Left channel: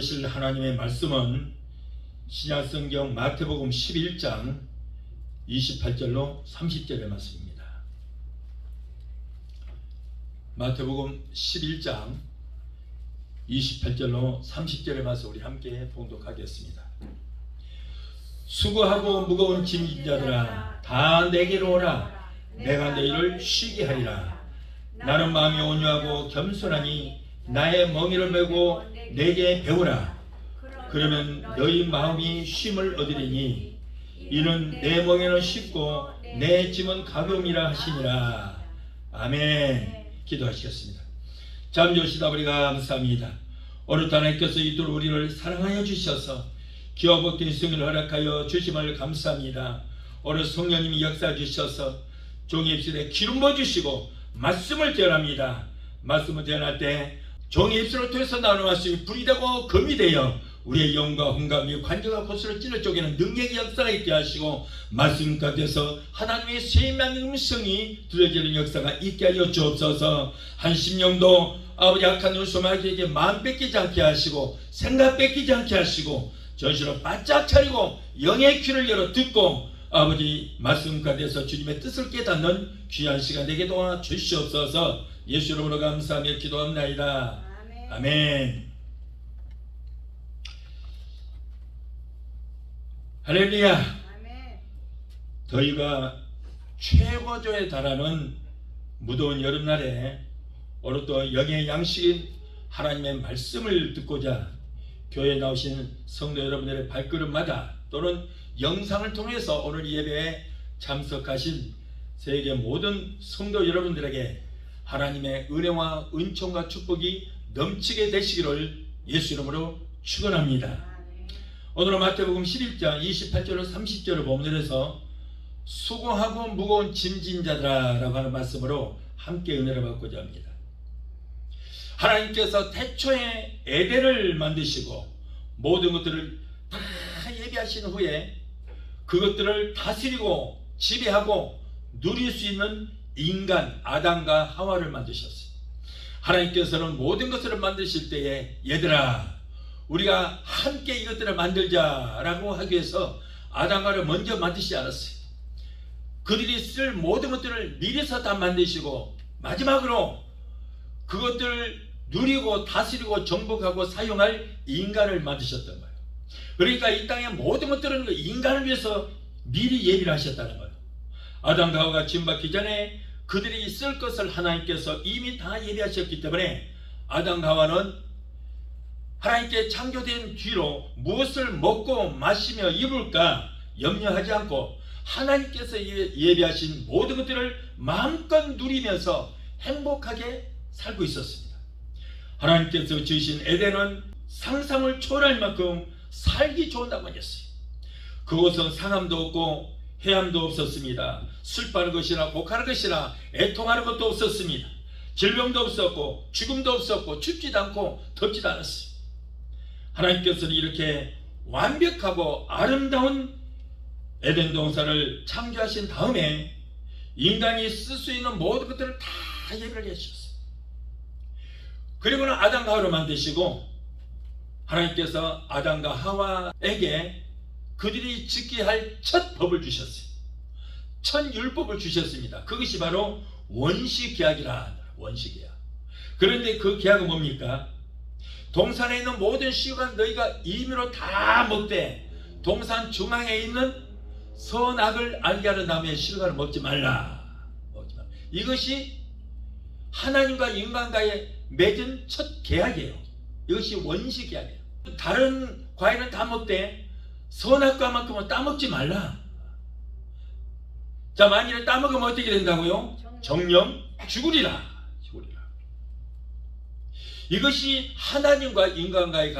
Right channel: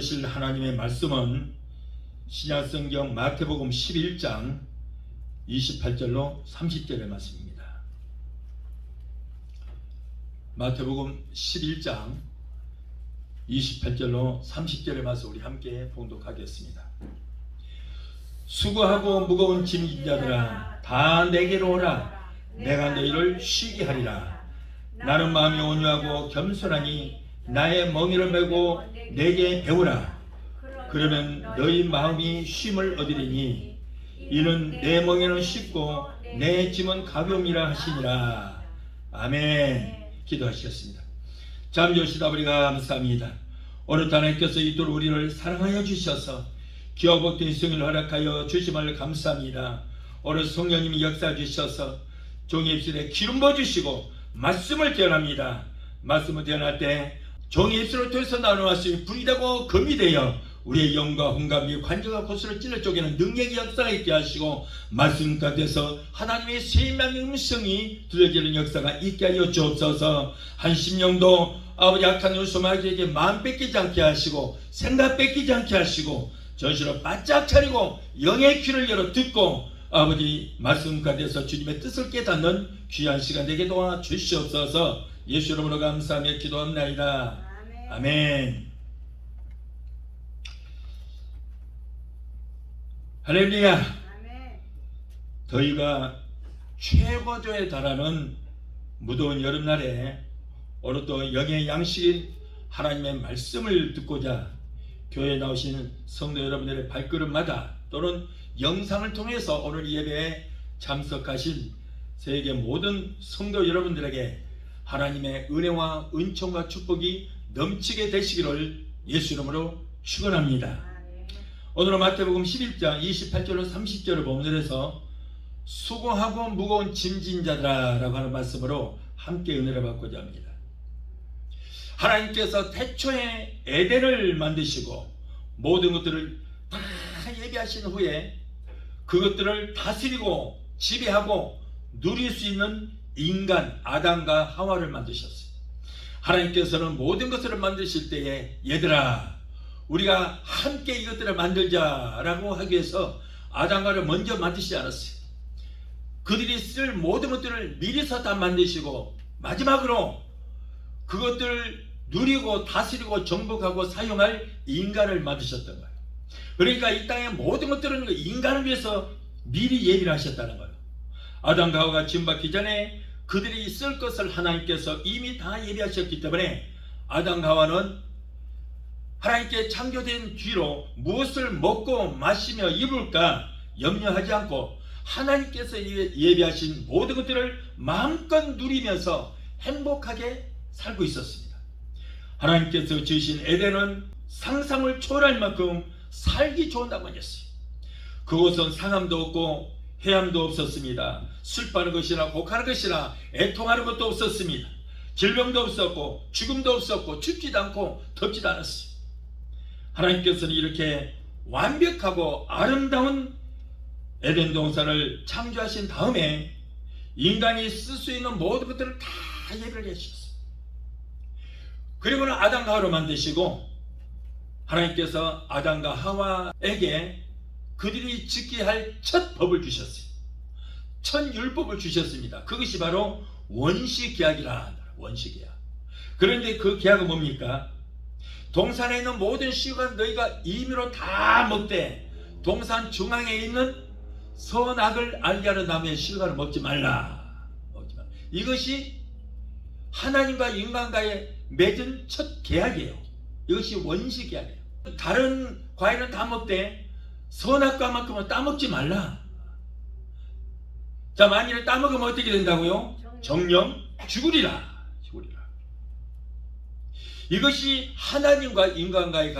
되실 하나님의 말씀은 신약성경 마태복음 11장 28절로 30절의 말씀입니다. 마태복음 11장 28절로 30절의 말씀 우리 함께 봉독하겠습니다. 수고하고 무거운 짐진 자들아 다 내게로 오라. 내가 너희를 쉬게 하리라. 나는 마음이 온유하고 겸손하니 나의 멍에를 메고 내게 배우라. 그러면 너희 마음이 쉼을 얻으리니 이는 내 멍에는 쉽고 내 짐은 가벼움이라 하시니라. 아멘. 기도하시겠습니다. 잠잠시다 우리가 감사합니다. 오늘 하나님께서 이토록 우리를 사랑하여 주셔서 기와 복된 생을 허락하여 주심을 감사합니다. 오늘 성령님이 역사해 주셔서 종의 입술에 기름 부어주시고 말씀을 전합니다. 말씀을 전할 때 종의 입술을 통해서 나오는 말씀이 불이 되고 검이 되어 우리의 영과 혼감이 관절과 고스를 찔러 쪼개는 능력의 역사가 있게 하시고 말씀 가운데서 하나님의 세밀한 음성이 들려지는 역사가 있게 하여 주옵소서. 한 심령도 아버지 악한 요소마귀에게 마음 뺏기지 않게 하시고 생각 뺏기지 않게 하시고 전신을 바짝 차리고 영의 귀를 열어 듣고 아버지 말씀 가운데서 주님의 뜻을 깨닫는 귀한 시간 되게 도와 주시옵소서. 예수 이름으로 감사하며 기도합니다. 아멘. 아멘. 할렐루야. 아멘. 더위가 최고조에 달하는 무더운 여름날에 오늘 또 영의 양식인 하나님의 말씀을 듣고자 교회에 나오신 성도 여러분들의 발걸음마다 또는 영상을 통해서 오늘 예배에 참석하신 세계 모든 성도 여러분들에게 하나님의 은혜와 은총과 축복이 넘치게 되시기를 예수 이름으로 축원합니다. 오늘은 마태복음 11장 28절로 30절을 본문에서 수고하고 무거운 짐진 자들아라고 하는 말씀으로 함께 은혜를 받고자 합니다. 하나님께서 태초에 에덴을 만드시고 모든 것들을 다 예비하신 후에 그것들을 다스리고 지배하고 누릴 수 있는 인간 아담과 하와를 만드셨어요. 하나님께서는 모든 것을 만드실 때에 얘들아 우리가 함께 이것들을 만들자라고 하기 위해서 아담과를 먼저 만드시지 않았어요. 그들이 쓸 모든 것들을 미리서 다 만드시고 마지막으로 그것들을 누리고 다스리고 정복하고 사용할 인간을 만드셨던 거예요. 그러니까 이 땅의 모든 것들은 인간을 위해서 미리 예비를 하셨다는 거예요. 아담과 하와가 지음받기 전에 그들이 쓸 것을 하나님께서 이미 다 예비하셨기 때문에 아담과 하와는 하나님께 창조된 뒤로 무엇을 먹고 마시며 입을까 염려하지 않고 하나님께서 예비하신 모든 것들을 마음껏 누리면서 행복하게 살고 있었습니다. 하나님께서 지으신 에덴은 상상을 초월할 만큼 살기 좋은 땅이었어요. 그곳은 상함도 없고 해함도 없었습니다. 슬퍼하는 것이나 곡하는 것이나 애통하는 것도 없었습니다. 질병도 없었고 죽음도 없었고 춥지도 않고 덥지도 않았어요. 하나님께서는 이렇게 완벽하고 아름다운 에덴 동산을 창조하신 다음에 인간이 쓸 수 있는 모든 것들을 다 예비를 해주셨어요. 그리고는 아담과 하와를 만드시고 하나님께서 아담과 하와에게 그들이 지켜야 할 첫 법을 주셨어요. 첫 율법을 주셨습니다. 그것이 바로 원시계약이라. 원시계약. 그런데 그 계약은 뭡니까? 동산에 있는 모든 씨가 너희가 임의로 다 먹되 동산 중앙에 있는 선악을 알게 하는 나무의 실과를 먹지 말라. 이것이 하나님과 인간과의 맺은 첫 계약이에요. 이것이 원시계약이에요. 다른 과일은 다 먹되 선악과만큼은 따먹지 말라. 자, 만일에 따먹으면 어떻게 된다고요? 정령 죽으리라. 이것이 하나님과 인간과의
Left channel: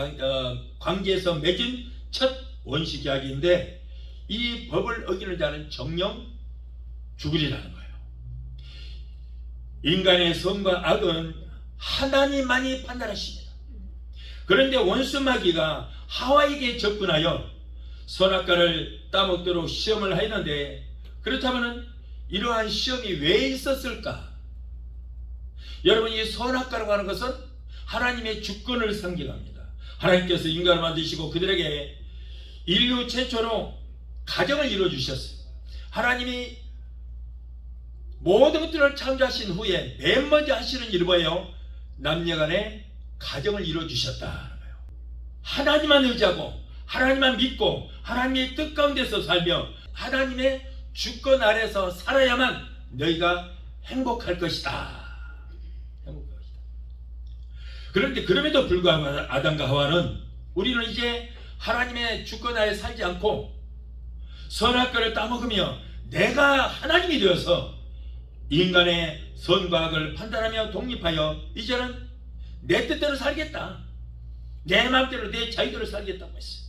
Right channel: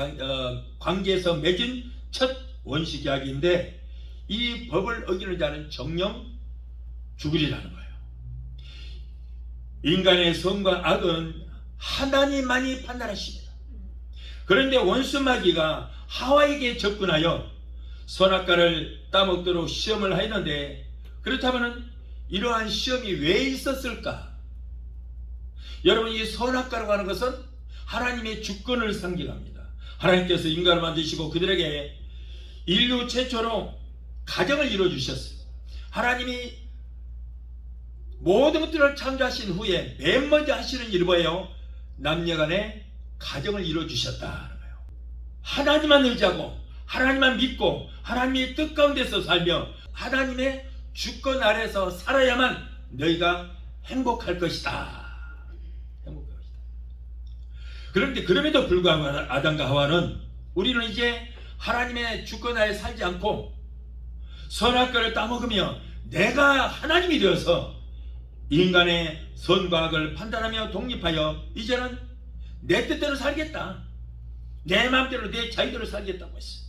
관계에서 맺은 첫 원시계약인데 이 법을 어기는 자는 정령 죽으리라는 거예요. 인간의 선과 악은 하나님만이 판단하십니다. 그런데 원수마귀가 하와에게 접근하여 선악과를 따먹도록 시험을 했는데 그렇다면 이러한 시험이 왜 있었을까? 여러분, 이 선악과라고 하는 것은 하나님의 주권을 상징합니다. 하나님께서 인간을 만드시고 그들에게 인류 최초로 가정을 이루어주셨어요. 하나님이 모든 것들을 창조하신 후에 맨 먼저 하시는 일이 뭐예요? 남녀간의 가정을 이루어주셨다는 거예요. 하나님만 의지하고 하나님만 믿고 하나님의 뜻 가운데서 살며 하나님의 주권 아래서 살아야만 너희가 행복할 것이다. 행복할 것이다. 그런데 그럼에도 불구하고 아담과 하와는 우리는 이제 하나님의 주권 아래 살지 않고 선악과를 따먹으며 내가 하나님이 되어서 인간의 선과 악을 판단하며 독립하여 이제는 내 뜻대로 살겠다. 내 마음대로 내 자유대로 살겠다고 했어요.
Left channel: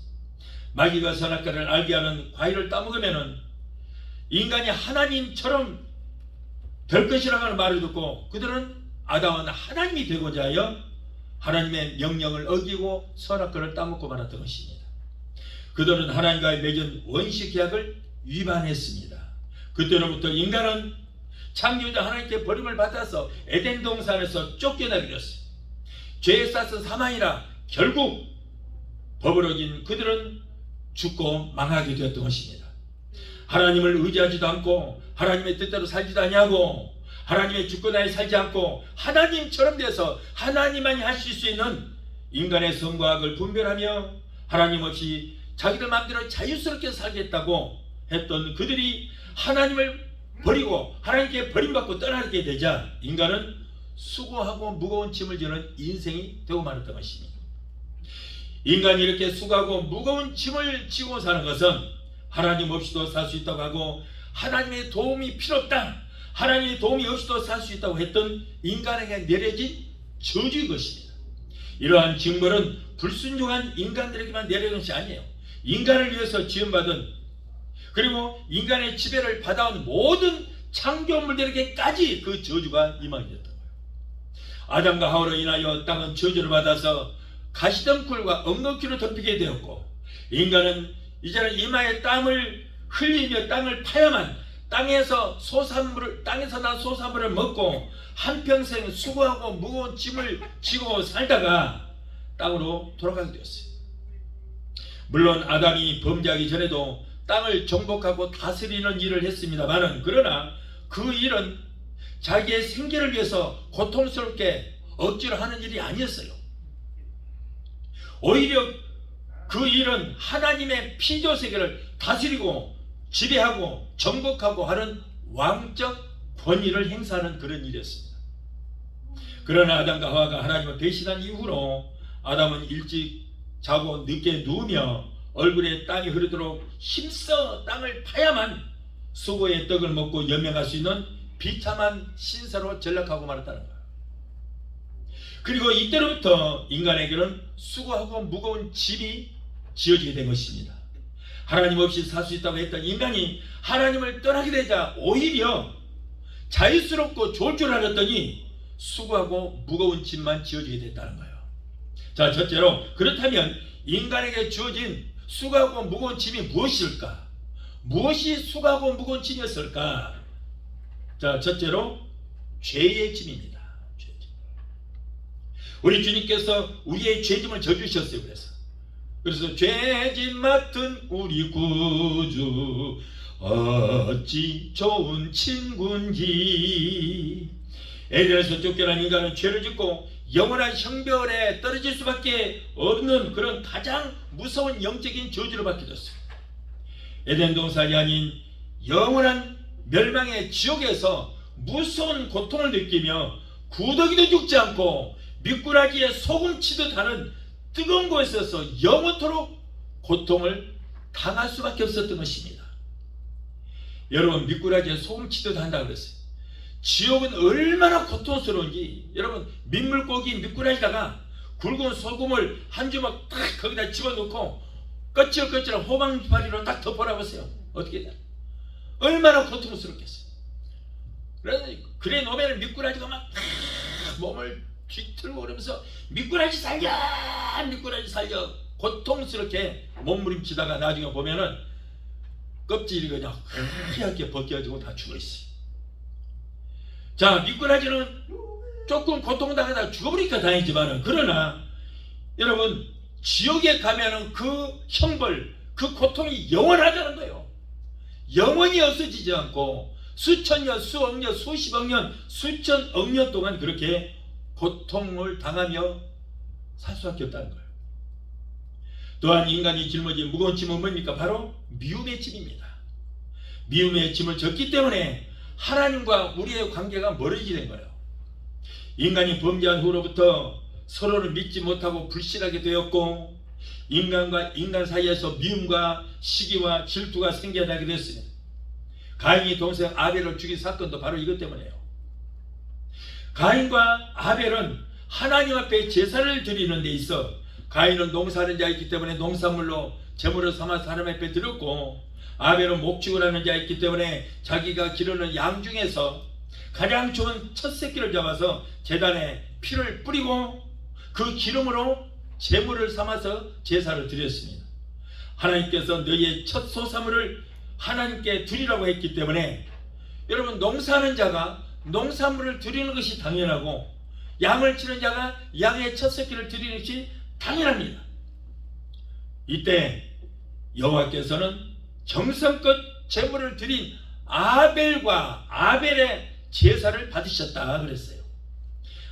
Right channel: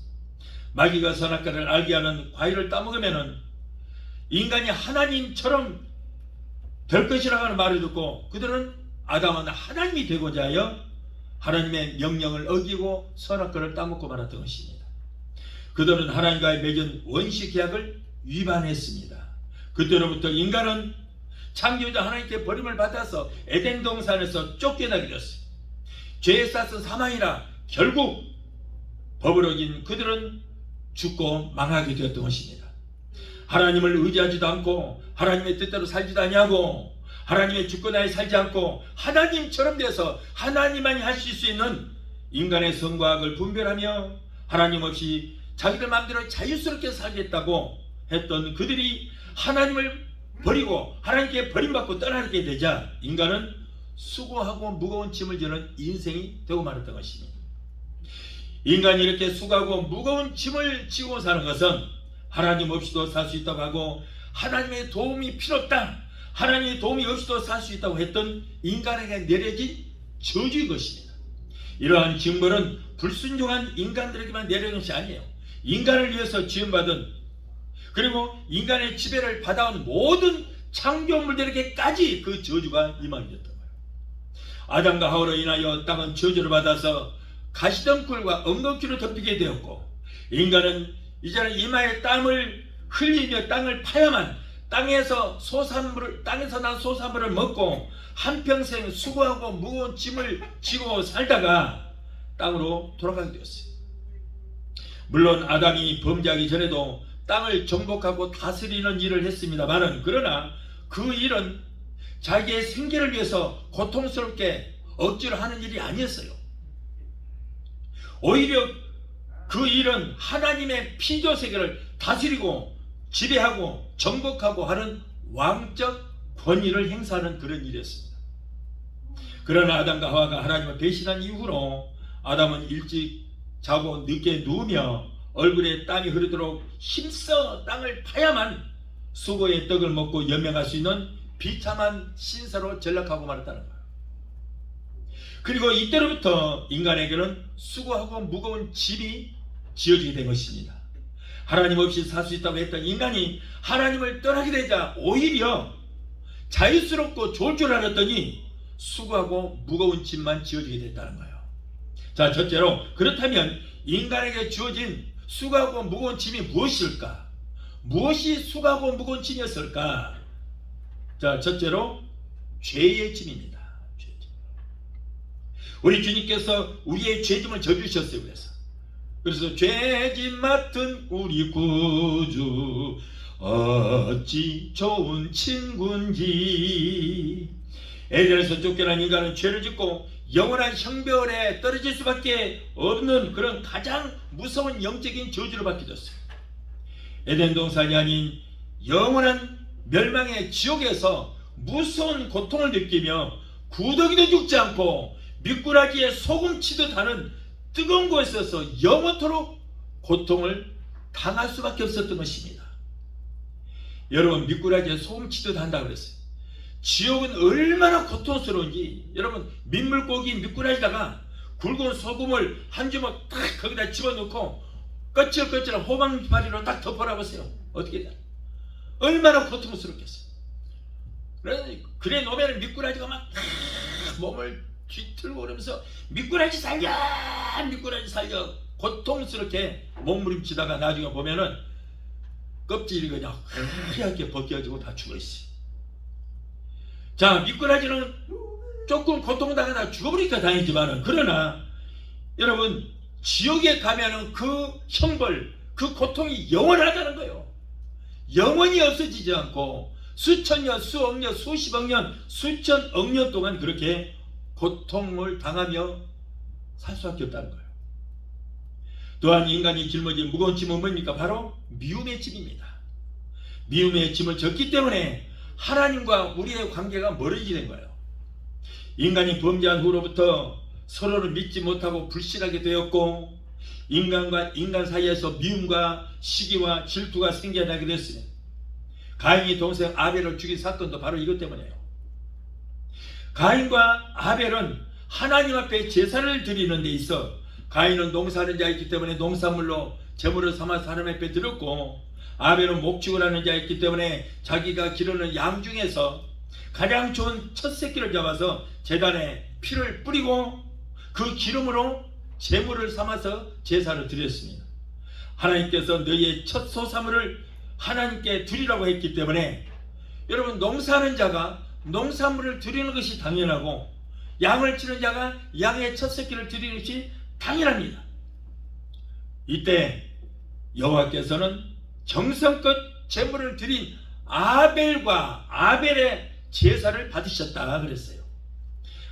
마귀가 선악과를 알게 하는 과일을 따먹으면 인간이 하나님처럼 될 것이라고 하는 말을 듣고 그들은 아담은 하나님이 되고자 하여 하나님의 명령을 어기고 선악과를 따먹고 말았던 것입니다. 그들은 하나님과의 맺은 원시 계약을 위반했습니다. 그때로부터 인간은 창조자 하나님께 버림을 받아서 에덴 동산에서 쫓겨나게 되었어요. 죄에 싸서 사망이라 결국 법을 어긴 그들은 죽고 망하게 되었던 것입니다. 하나님을 의지하지도 않고 하나님의 뜻대로 살지도 아니하고 하나님의 주권하에 살지 않고 하나님처럼 돼서 하나님만이 하실 수 있는 인간의 선과 악을 분별하며 하나님 없이 자기들 마음대로 자유스럽게 살겠다고 했던 그들이 하나님을 버리고 하나님께 버림받고 떠나게 되자 인간은 수고하고 무거운 짐을 지는 인생이 되고 말았던 것입니다. 인간이 이렇게 수고하고 무거운 짐을 지고 사는 것은 하나님 없이도 살 수 있다고 하고 하나님의 도움이 필요 없다. 하나님의 도움이 없이도 살 수 있다고 했던 인간에게 내려진 저주의 것입니다. 이러한 징벌은 불순종한 인간들에게만 내려진 것이 아니에요. 인간을 위해서 지음받은 그리고 인간의 지배를 받아온 모든 창조물들에게까지 그 저주가 임하게 됐던 거예요. 아담과 하와로 인하여 땅은 저주를 받아서 가시덤불과 엉겅퀴로 덮이게 되었고 인간은 이제는 이마에 땀을 흘리며 땅을 파야만 땅에서 난 소산물을 먹고 한평생 수고하고 무거운 짐을 지고 살다가 땅으로 돌아가게 되었어요. 물론 아담이 범죄하기 전에도 땅을 정복하고 다스리는 일을 했습니다만은 그러나 그 일은 자기의 생계를 위해서 고통스럽게 억지로 하는 일이 아니었어요. 오히려 그 일은 하나님의 피조 세계를 다스리고 지배하고 정복하고 하는 왕적 권위를 행사하는 그런 일이었습니다. 그러나 아담과 하와가 하나님을 배신한 이후로 아담은 일찍 자고 늦게 누우며 얼굴에 땀이 흐르도록 힘써 땅을 파야만 수고의 떡을 먹고 연명할 수 있는 비참한 신사로 전락하고 말았다는 거예요. 그리고 이때로부터 인간에게는 수고하고 무거운 짐이 지어지게 된 것입니다. 하나님 없이 살 수 있다고 했던 인간이 하나님을 떠나게 되자 오히려 자유스럽고 좋을 줄 알았더니 수고하고 무거운 짐만 지어지게 됐다는 거예요. 자, 첫째로 그렇다면 인간에게 주어진 수고하고 무거운 짐이 무엇일까? 무엇이 수고하고 무거운 짐이었을까? 자, 첫째로 죄의 짐입니다. 우리 주님께서 우리의 죄짐을 져주셨어요. 그래서 죄짐 맡은 우리 구주 어찌 좋은 친구인지. 에덴에서 쫓겨난 인간은 죄를 짓고 영원한 형벌에 떨어질 수밖에 없는 그런 가장 무서운 영적인 저주를 받게 됐어요. 에덴 동산이 아닌 영원한 멸망의 지옥에서 무서운 고통을 느끼며 구더기도 죽지 않고 미꾸라지에 소금 치듯 하는 뜨거운 곳에서 영원토록 고통을 당할 수밖에 없었던 것입니다. 여러분, 미꾸라지에 소금 치듯 한다고 그랬어요. 지옥은 얼마나 고통스러운지 여러분, 민물고기 미꾸라지다가 굵은 소금을 한 주먹 딱 거기다 집어넣고 거칠거칠한 호박파리로 딱 덮어놔보세요. 어떻게 돼? 얼마나 고통스럽겠어요. 그래 놓으면 미꾸라지가 막 몸을 뒤틀고 그러면서 미꾸라지 살려 미꾸라지 살려 고통스럽게 몸부림치다가 나중에 보면은 껍질이 그냥 하얗게 벗겨지고 다 죽어있어요. 자, 미꾸라지는 조금 고통당하다 죽어버리니까 다행이지만은 그러나 여러분, 지옥에 가면은 그 형벌, 그 고통이 영원하다는 거예요. 영원히 없어지지 않고 수천 년, 수억 년, 수십억 년, 수천억 년 동안 그렇게 고통을 당하며 살 수밖에 없다는 거예요. 또한 인간이 짊어진 무거운 짐은 뭡니까? 바로 미움의 짐입니다. 미움의 짐을 졌기 때문에 하나님과 우리의 관계가 멀어지는 거예요. 인간이 범죄한 후로부터 서로를 믿지 못하고 불신하게 되었고, 인간과 인간 사이에서 미움과 시기와 질투가 생겨나게 됐습니다. 가인이 동생 아벨을 죽인 사건도 바로 이것 때문이에요. 가인과 아벨은 하나님 앞에 제사를 드리는 데 있어 가인은 농사하는 자였기 때문에 농산물로 제물을 삼아 사람 앞에 드렸고, 아벨은 목축을 하는 자였기 때문에 자기가 기르는 양 중에서 가장 좋은 첫 새끼를 잡아서 제단에 피를 뿌리고 그 기름으로 제물을 삼아서 제사를 드렸습니다. 하나님께서 너희의 첫 소사물을 하나님께 드리라고 했기 때문에, 여러분, 농사하는 자가 농산물을 드리는 것이 당연하고 양을 치는 자가 양의 첫 새끼를 드리는 것이 당연합니다. 이때 여호와께서는 정성껏 제물을 드린 아벨과 아벨의 제사를 받으셨다 그랬어요.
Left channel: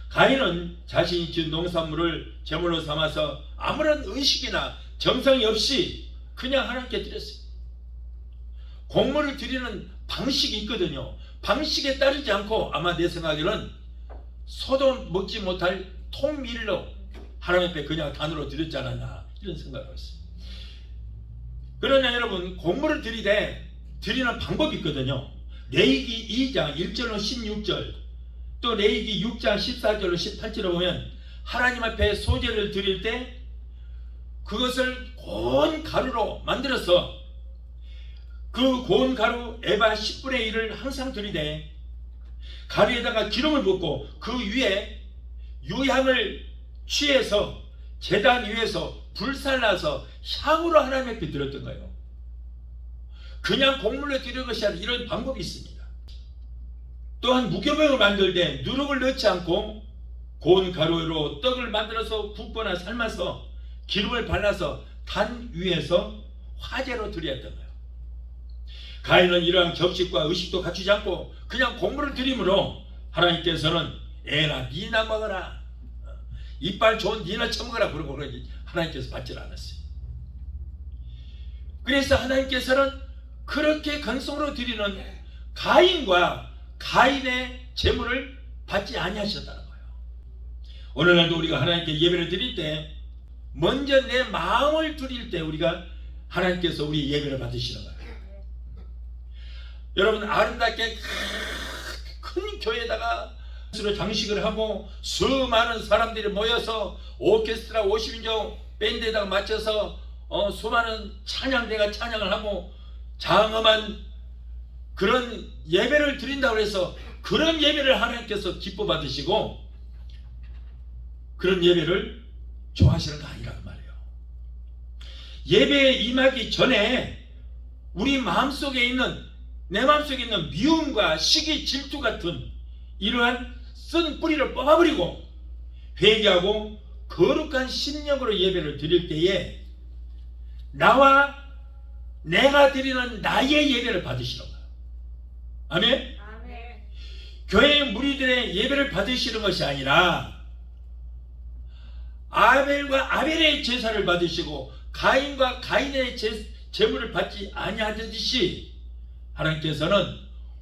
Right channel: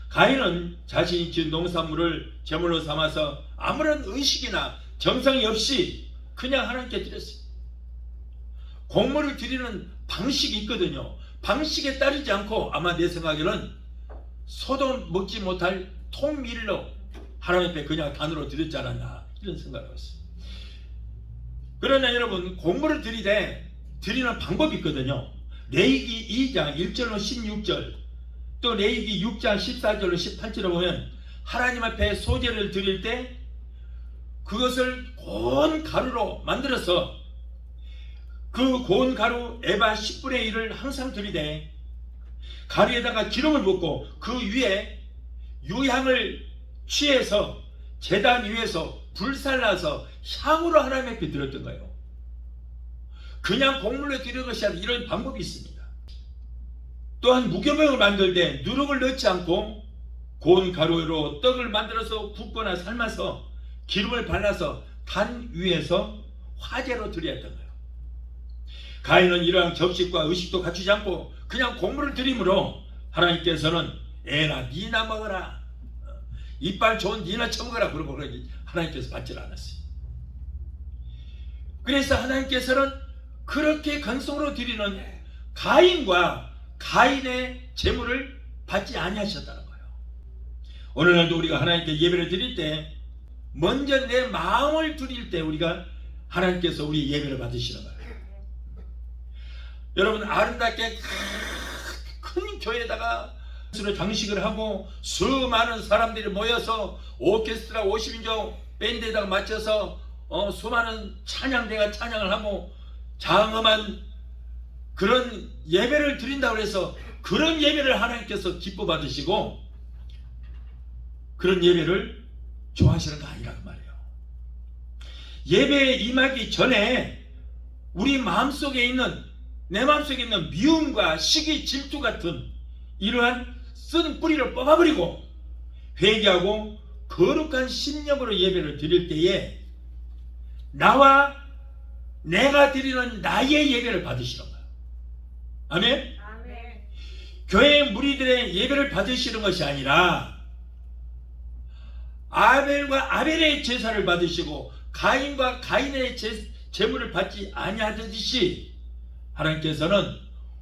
가인은 자신이 지은 농산물을 제물로 삼아서 아무런 의식이나 정성이 없이 그냥 하나님께 드렸어요. 곡물을 드리는 방식이 있거든요. 방식에 따르지 않고 아마 내 생각에는 소도 먹지 못할 통밀로 하나님 앞에 그냥 단으로 드렸지 않았나, 이런 생각을 했어요. 그러나 여러분, 곡물을 드리되 드리는 방법이 있거든요. 레위기 2장 1절로 16절, 또 레위기 6장 14절로 18절을 보면 하나님 앞에 소제를 드릴 때 그것을 고운 가루로 만들어서 그 고운 가루 에바 10분의 1을 항상 드리되 가루에다가 기름을 붓고 그 위에 유향을 취해서 제단 위에서 불살라서 향으로 하나님 앞에 드렸던 거예요. 그냥 곡물로 드리는 것이 아니라 이런 방법이 있습니다. 또한 무교병을 만들 때 누룩을 넣지 않고 고운 가루로 떡을 만들어서 굽거나 삶아서 기름을 발라서 단 위에서 화제로 드려야 했던 거예요. 가인은 이러한 격식과 의식도 갖추지 않고 그냥 곡물을 드림으로 하나님께서는 애나 니나 먹어라, 이빨 좋은 니나 처먹어라 그러고 하나님께서 받지를 않았어요. 그래서 하나님께서는 그렇게 간송으로 드리는 가인과 가인의 제물을 받지 아니하셨다는 거예요. 오늘날도 우리가 하나님께 예배를 드릴 때 먼저 내 마음을 드릴 때 우리가 하나님께서 우리 예배를 받으시는 거예요. 여러분, 아름답게 큰 교회에다가 장식을 하고 수많은 사람들이 모여서 오케스트라 50인조 밴드에다가 맞춰서 수많은 찬양대가 찬양을 하고 장엄한 그런 예배를 드린다고 해서 그런 예배를 하나님께서 기뻐 받으시고 그런 예배를 좋아하시는 거 아니란 말이에요. 예배에 임하기 전에 우리 마음속에 있는, 내 마음속에 있는 미움과 시기, 질투 같은 이러한 쓴 뿌리를 뽑아버리고 회개하고 거룩한 심령으로 예배를 드릴 때에 나와 내가 드리는 나의 예배를 받으시는 거예요. 아멘? 아멘. 교회 무리들의 예배를 받으시는 것이 아니라 아벨과 아벨의 제사를 받으시고 가인과 가인의 제물을 받지 아니하듯이 하나님께서는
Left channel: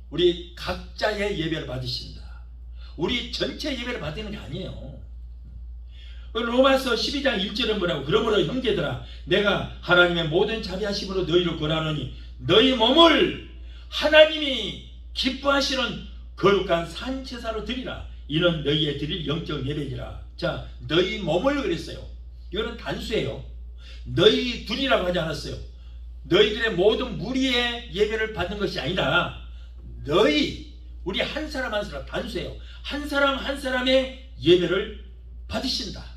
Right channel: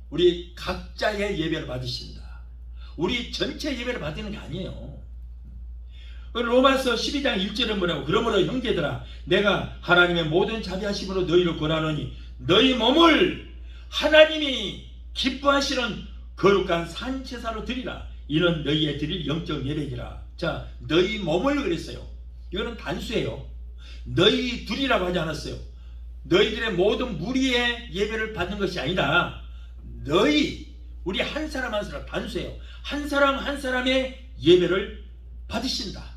우리 각자의 예배를 받으신다. 우리 전체 예배를 받는 게 아니에요. 로마서 12장 1절은 뭐라고? 그러므로 형제들아, 내가 하나님의 모든 자비하심으로 너희를 권하노니 너희 몸을 하나님이 기뻐하시는 거룩한 산제사로 드리라. 이는 너희의 드릴 영적 예배니라. 자, 너희 몸을 그랬어요. 이거는 단수예요. 너희 둘이라고 하지 않았어요. 너희들의 모든 무리의 예배를 받는 것이 아니라 너희, 우리 한 사람 한 사람, 단수예요. 한 사람 한 사람의 예배를 받으신다.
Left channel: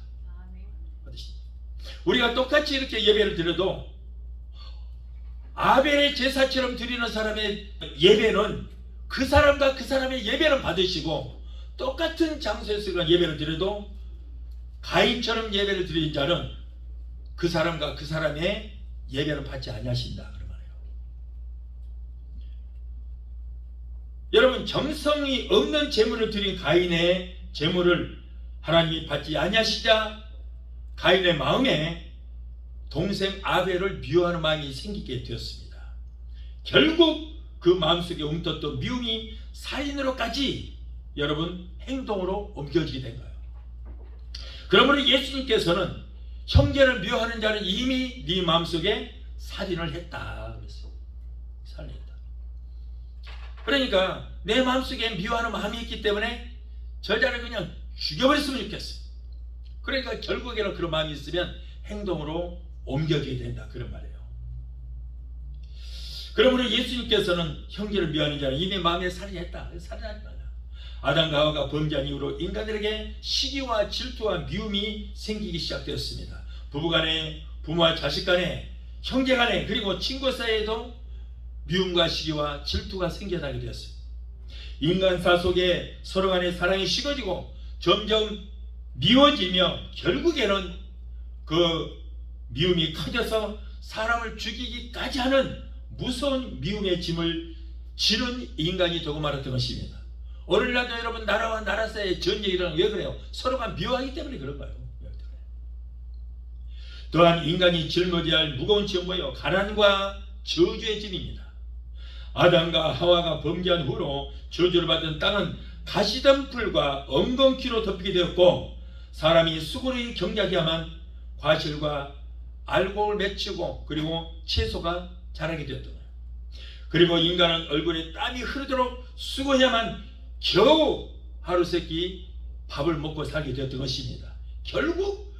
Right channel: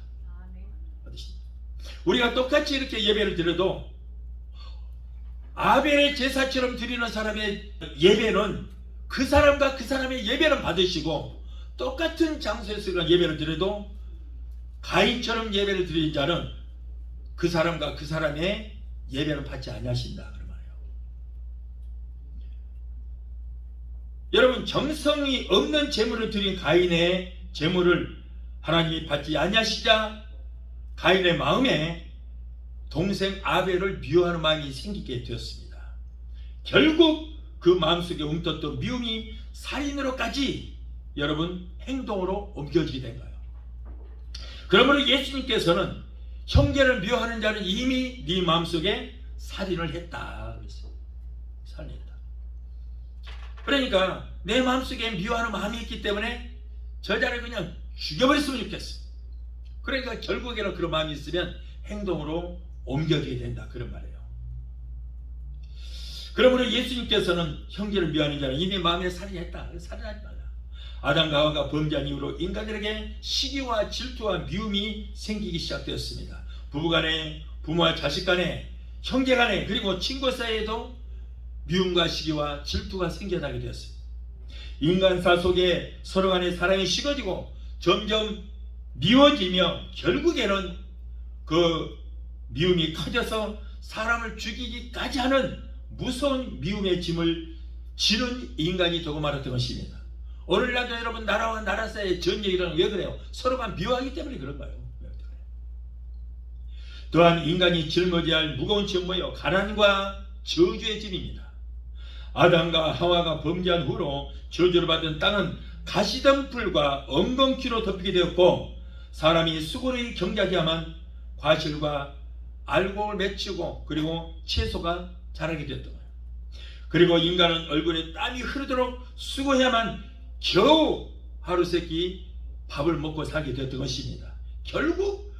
우리가 똑같이 이렇게 예배를 드려도 아벨의 제사처럼 드리는 사람의 예배는 그 사람과 그 사람의 예배는 받으시고, 똑같은 장소에서 예배를 드려도 가인처럼 예배를 드리는 자는 그 사람과 그 사람의 예배는 받지 아니하신다 그런 거예요. 여러분, 정성이 없는 제물을 드린 가인의 제물을 하나님이 받지 아니하시자 가인의 마음에 동생 아벨을 미워하는 마음이 생기게 되었습니다. 결국 그 마음속에 움떴던 미움이 살인으로까지 여러분 행동으로 옮겨지게 된 거예요. 그러므로 예수님께서는 형제를 미워하는 자는 이미 네 마음속에 살인을 했다 그랬어요. 살인했다. 그러니까 내 마음속에 미워하는 마음이 있기 때문에 저 자를 그냥 죽여버렸으면 좋겠어요. 그러니까 결국에는 그런 마음이 있으면 행동으로 옮겨지게 된다 그런 말이에요. 그러므로 예수님께서는 형제를 미워하는 자는 이미 마음에 살인했다. 살인하지 말라. 아담과 하와가 범죄한 이후로 인간들에게 시기와 질투와 미움이 생기기 시작되었습니다. 부부간에, 부모와 자식간에, 형제간에, 그리고 친구 사이에도 미움과 시기와 질투가 생겨나게 되었습니다. 인간사 속에 서로 간의 사랑이 식어지고 점점 미워지며 결국에는 그 미움이 커져서 사람을 죽이기까지 하는 무서운 미움의 짐을 지는 인간이 되고 말았던 것입니다. 오늘날도 여러분 나라와 나라 사이의 전쟁이 일어나는 왜 그래요? 서로가 미워하기 때문에 그런 거예요. 또한 인간이 짊어져야 할 무거운 짐은 뭐예요? 가난과 저주의 짐입니다. 아담과 하와가 범죄한 후로 저주를 받은 땅은 가시덤불과 엉겅퀴로 덮이게 되었고 사람이 수고를 경작해야만 과실과 알곡을 맺히고 그리고 채소가 자라게 되었던 거예요. 그리고 인간은 얼굴에 땀이 흐르도록 수고해야만 겨우 하루세끼 밥을 먹고 살게 되었던 것입니다. 결국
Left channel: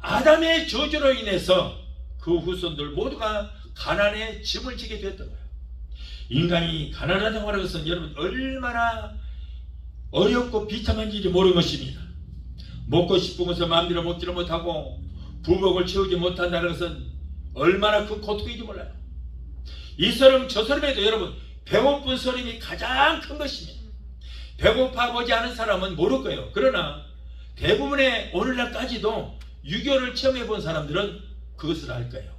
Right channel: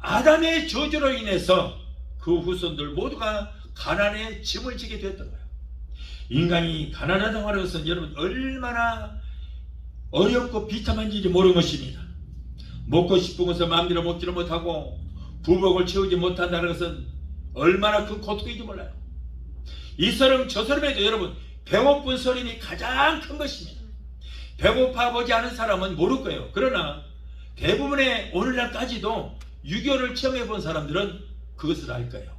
아담의 저주로 인해서 그 후손들 모두가 가난의 짐을 지게 되었던 거예요. 인간이 가난하다고 하는 것은 여러분 얼마나 어렵고 비참한 일인지 모르는 것입니다. 먹고 싶은 것을 마음대로 먹지를 못하고 부복을 채우지 못한다는 것은 얼마나 큰 고통인지 몰라요. 이 서름 저 서름에도 여러분 배고픈 서름이 가장 큰 것입니다. 배고파 보지 않은 사람은 모를 거예요. 그러나 대부분의 오늘날까지도 6.25를 체험해 본 사람들은 그것을 알 거예요.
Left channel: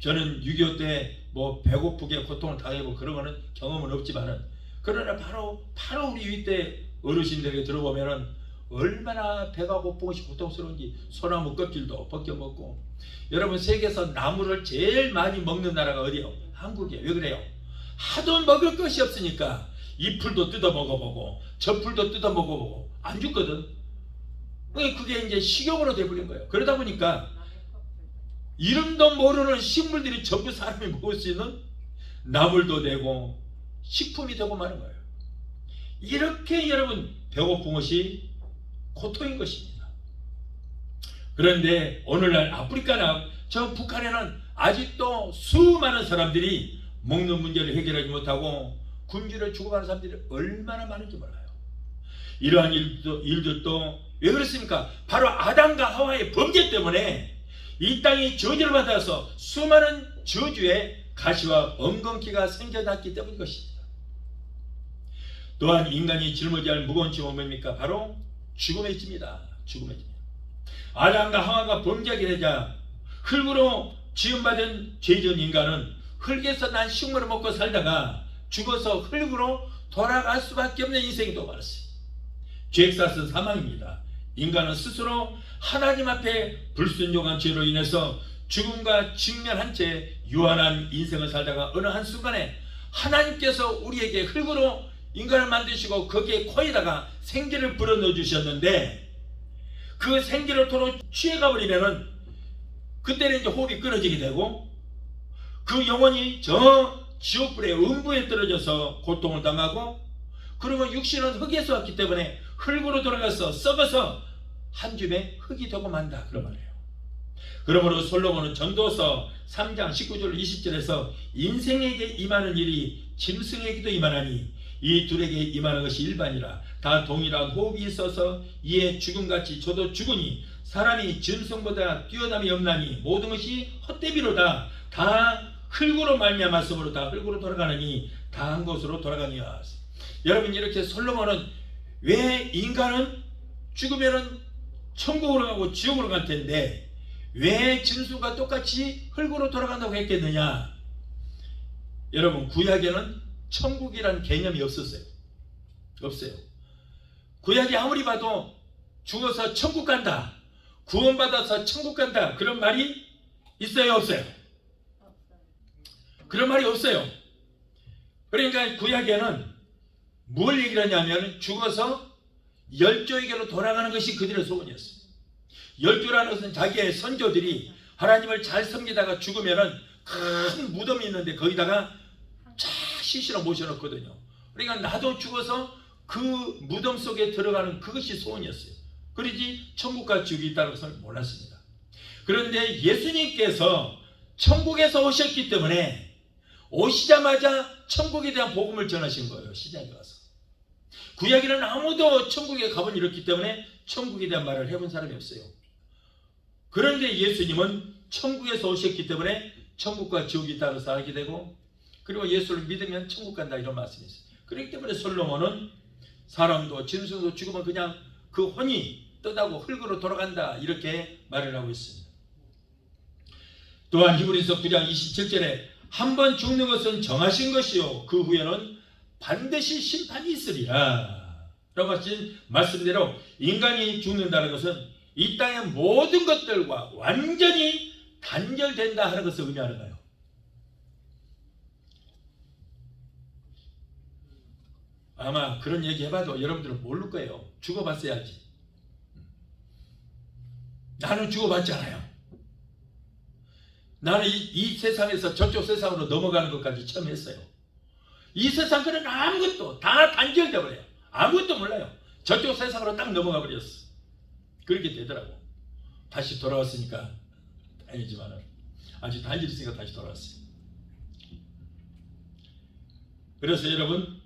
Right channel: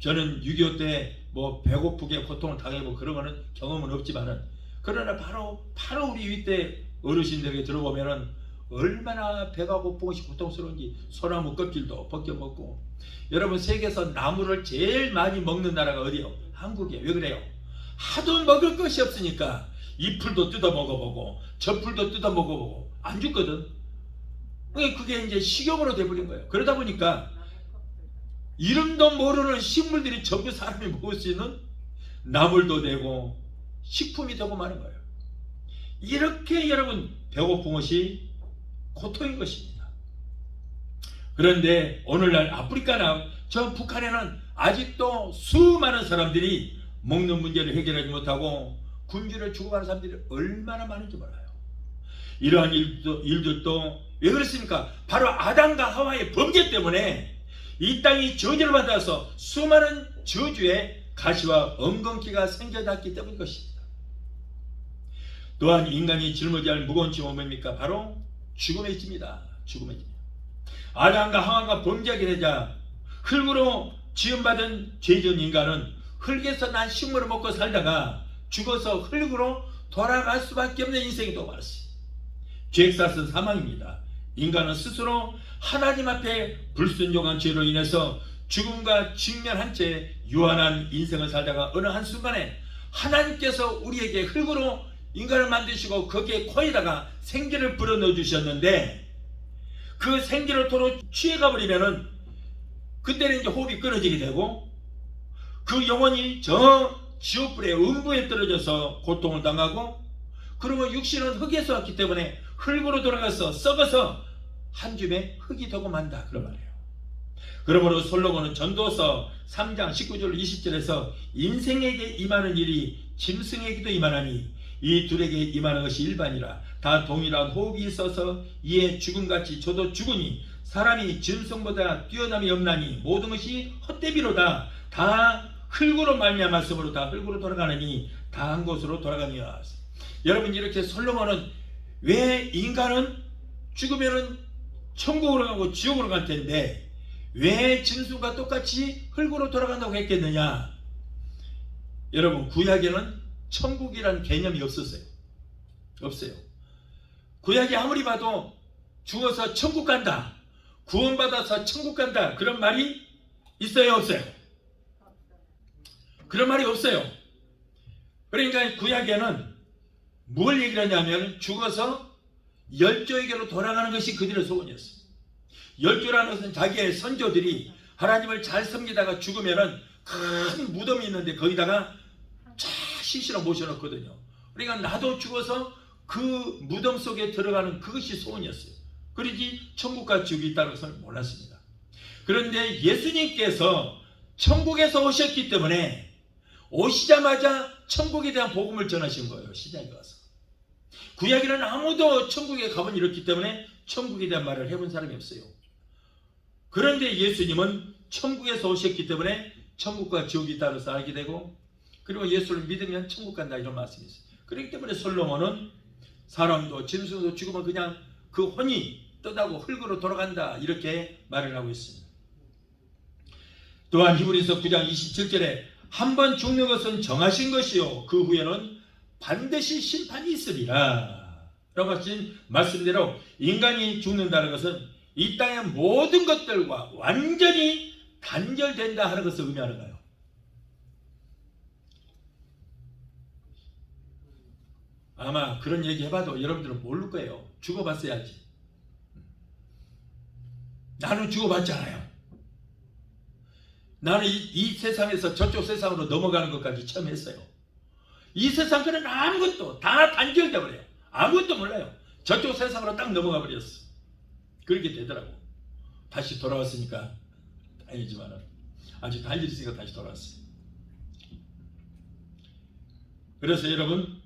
저는 6.25 때 뭐 배고프게 고통을 당해보고 그런 거는 경험은 없지만은 그러나 바로 우리 윗대 어르신들에게 들어보면은 얼마나 배가 고픈 것이 고통스러운지 소나무 껍질도 벗겨 먹고. 여러분 세계에서 나무를 제일 많이 먹는 나라가 어디요? 한국이에요. 왜 그래요? 하도 먹을 것이 없으니까 이 풀도 뜯어 먹어보고 저 풀도 뜯어 먹어보고 안 죽거든. 그게 이제 식용으로 돼버린 거예요. 그러다 보니까 이름도 모르는 식물들이 전부 사람이 먹을 수 있는 나물도 되고 식품이 되고 마는 거예요. 이렇게 여러분 배고픈 것이 고통인 것입니다. 그런데 오늘날 아프리카나 저 북한에는 아직도 수많은 사람들이 먹는 문제를 해결하지 못하고 굶주려 죽어가는 사람들이 얼마나 많은지 몰라요. 이러한 일들도 왜 그렇습니까? 바로 아담과 하와의 범죄 때문에 이 땅이 저주를 받아서 수많은 저주의 가시와 엉겅퀴가 생겨났기 때문인 것입니다. 또한 인간이 짊어져야 할 무거운 짐은 뭡니까? 바로 죽음의 짐이다. 죽음의 짐. 아담과 하와가 범죄하게 되자 흙으로 지음받은 죄진 인간은 흙에서 난 식물을 먹고 살다가 죽어서 흙으로 돌아갈 수밖에 없는 인생이 또 말았어요. 죄액사은 사망입니다. 인간은 스스로 하나님 앞에 불순종한 죄로 인해서 죽음과 직면한 채 유한한 인생을 살다가 어느 한순간에 하나님께서 우리에게 흙으로 인간을 만드시고 거기에 코에다가 생기를 불어넣어 주셨는데 그 생기를 도로 취해가 버리면은 그때는 이제 호흡이 끊어지게 되고 그 영혼이 저 지옥불의 음부에 떨어져서 고통을 당하고 그러면 육신은 흙에서 왔기 때문에 흙으로 돌아가서 썩어서 한 줌의 흙이 되고 만다 그런 말이에요. 그러므로 솔로몬은 전도서 3장 19절 20절에서 인생에게 임하는 일이 짐승에게도 임하나니 이 둘에게 임하는 것이 일반이라 다 동일한 호흡이 있어서 이에 죽음같이 저도 죽으니 사람이 짐승보다 뛰어남이 없나니 모든 것이 헛되비로다 다 흙으로 말미암았으므로 다 흙으로 돌아가느니 다 한 곳으로 돌아가며. 여러분 이렇게 솔로몬은 왜 인간은 죽으면은 천국으로 가고 지옥으로 갈 텐데 왜 짐승과 똑같이 흙으로 돌아간다고 했겠느냐? 여러분, 구약에는 천국이라는 개념이 없었어요. 없어요. 구약이 아무리 봐도 죽어서 천국 간다, 구원받아서 천국 간다, 그런 말이 있어요, 없어요? 그런 말이 없어요. 그러니까 구약에는 뭘 얘기를 하냐면 죽어서 열조에게로 돌아가는 것이 그들의 소원이었어요. 열조라는 것은 자기의 선조들이 하나님을 잘 섬기다가 죽으면은 큰 무덤이 있는데 거기다가 쫙 시신을 모셔놓거든요. 그러니까 나도 죽어서 그 무덤 속에 들어가는 그것이 소원이었어요. 그러지 천국과 지옥이 있다는 것을 몰랐습니다. 그런데 예수님께서 천국에서 오셨기 때문에 오시자마자 천국에 대한 복음을 전하신 거예요. 시장에 가서. 구약에는 아무도 천국에 가본 이렇기 때문에 천국에 대한 말을 해본 사람이 없어요. 그런데 예수님은 천국에서 오셨기 때문에 천국과 지옥이 있다고 해서 알게 되고, 그리고 예수를 믿으면 천국 간다, 이런 말씀이 있어요. 그렇기 때문에 솔로몬은 사람도 짐승도 죽으면 그냥 그 혼이 떠나고 흙으로 돌아간다, 이렇게 말을 하고 있습니다. 또한 히브리서 9장 27절에 한 번 죽는 것은 정하신 것이요 그 후에는 반드시 심판이 있으리라 라고 하신 말씀대로 인간이 죽는다는 것은 이 땅의 모든 것들과 완전히 단절된다 하는 것을 의미하는 거예요. 아마 그런 얘기 해봐도 여러분들은 모를 거예요. 죽어봤어야지. 나는 죽어봤잖아요. 나는 이 세상에서 저쪽 세상으로 넘어가는 것까지 처음 했어요. 이 세상들은 아무것도 다 단절돼 버려요. 아무것도 몰라요. 저쪽 세상으로 딱 넘어가 버렸어. 그렇게 되더라고. 다시 돌아왔으니까 다행이지만 아주 단절있으니까 다시 돌아왔어요. 그래서 여러분,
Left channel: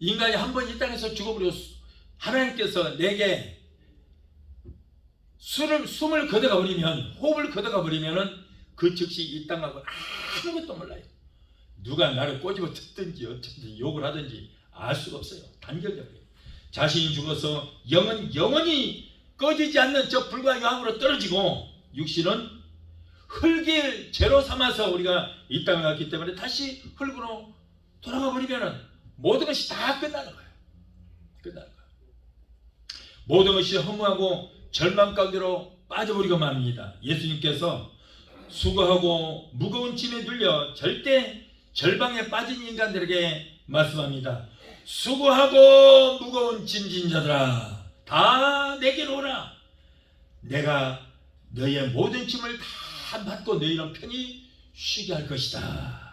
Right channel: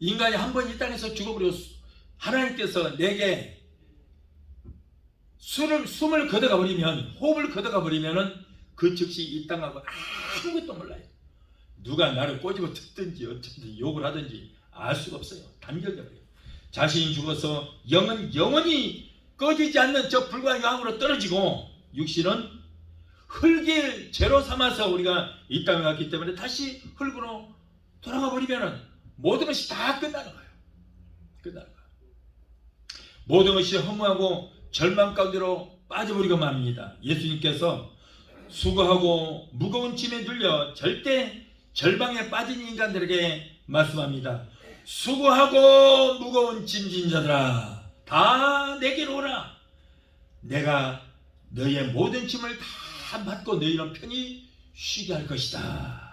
인간이 한 번 이 땅에서 죽어버렸어. 하나님께서 내게 숨을 걷어가 버리면, 호흡을 걷어가 버리면은 그 즉시 이 땅하고 아무것도 몰라요. 누가 나를 꼬집어 듣든지 어쨌든 욕을 하든지 알 수가 없어요. 단결돼 버려요. 자신이 죽어서 영은 영원히 꺼지지 않는 저 불과 영으로 떨어지고, 육신은 흙을 죄로 삼아서 우리가 이 땅에 왔기 때문에 다시 흙으로 돌아가 버리면은 모든 것이 다 끝나는 거예요. 끝나는 거예요. 모든 것이 허무하고 절망 가운데로 빠져버리고 맙니다. 예수님께서 수고하고 무거운 짐에 눌려 절대 절망에 빠진 인간들에게 말씀합니다. 수고하고 무거운 짐진 자들아, 다 내게로 오라. 내가 너희의 모든 짐을 다 맡고 너희는 편히 쉬게 할 것이다.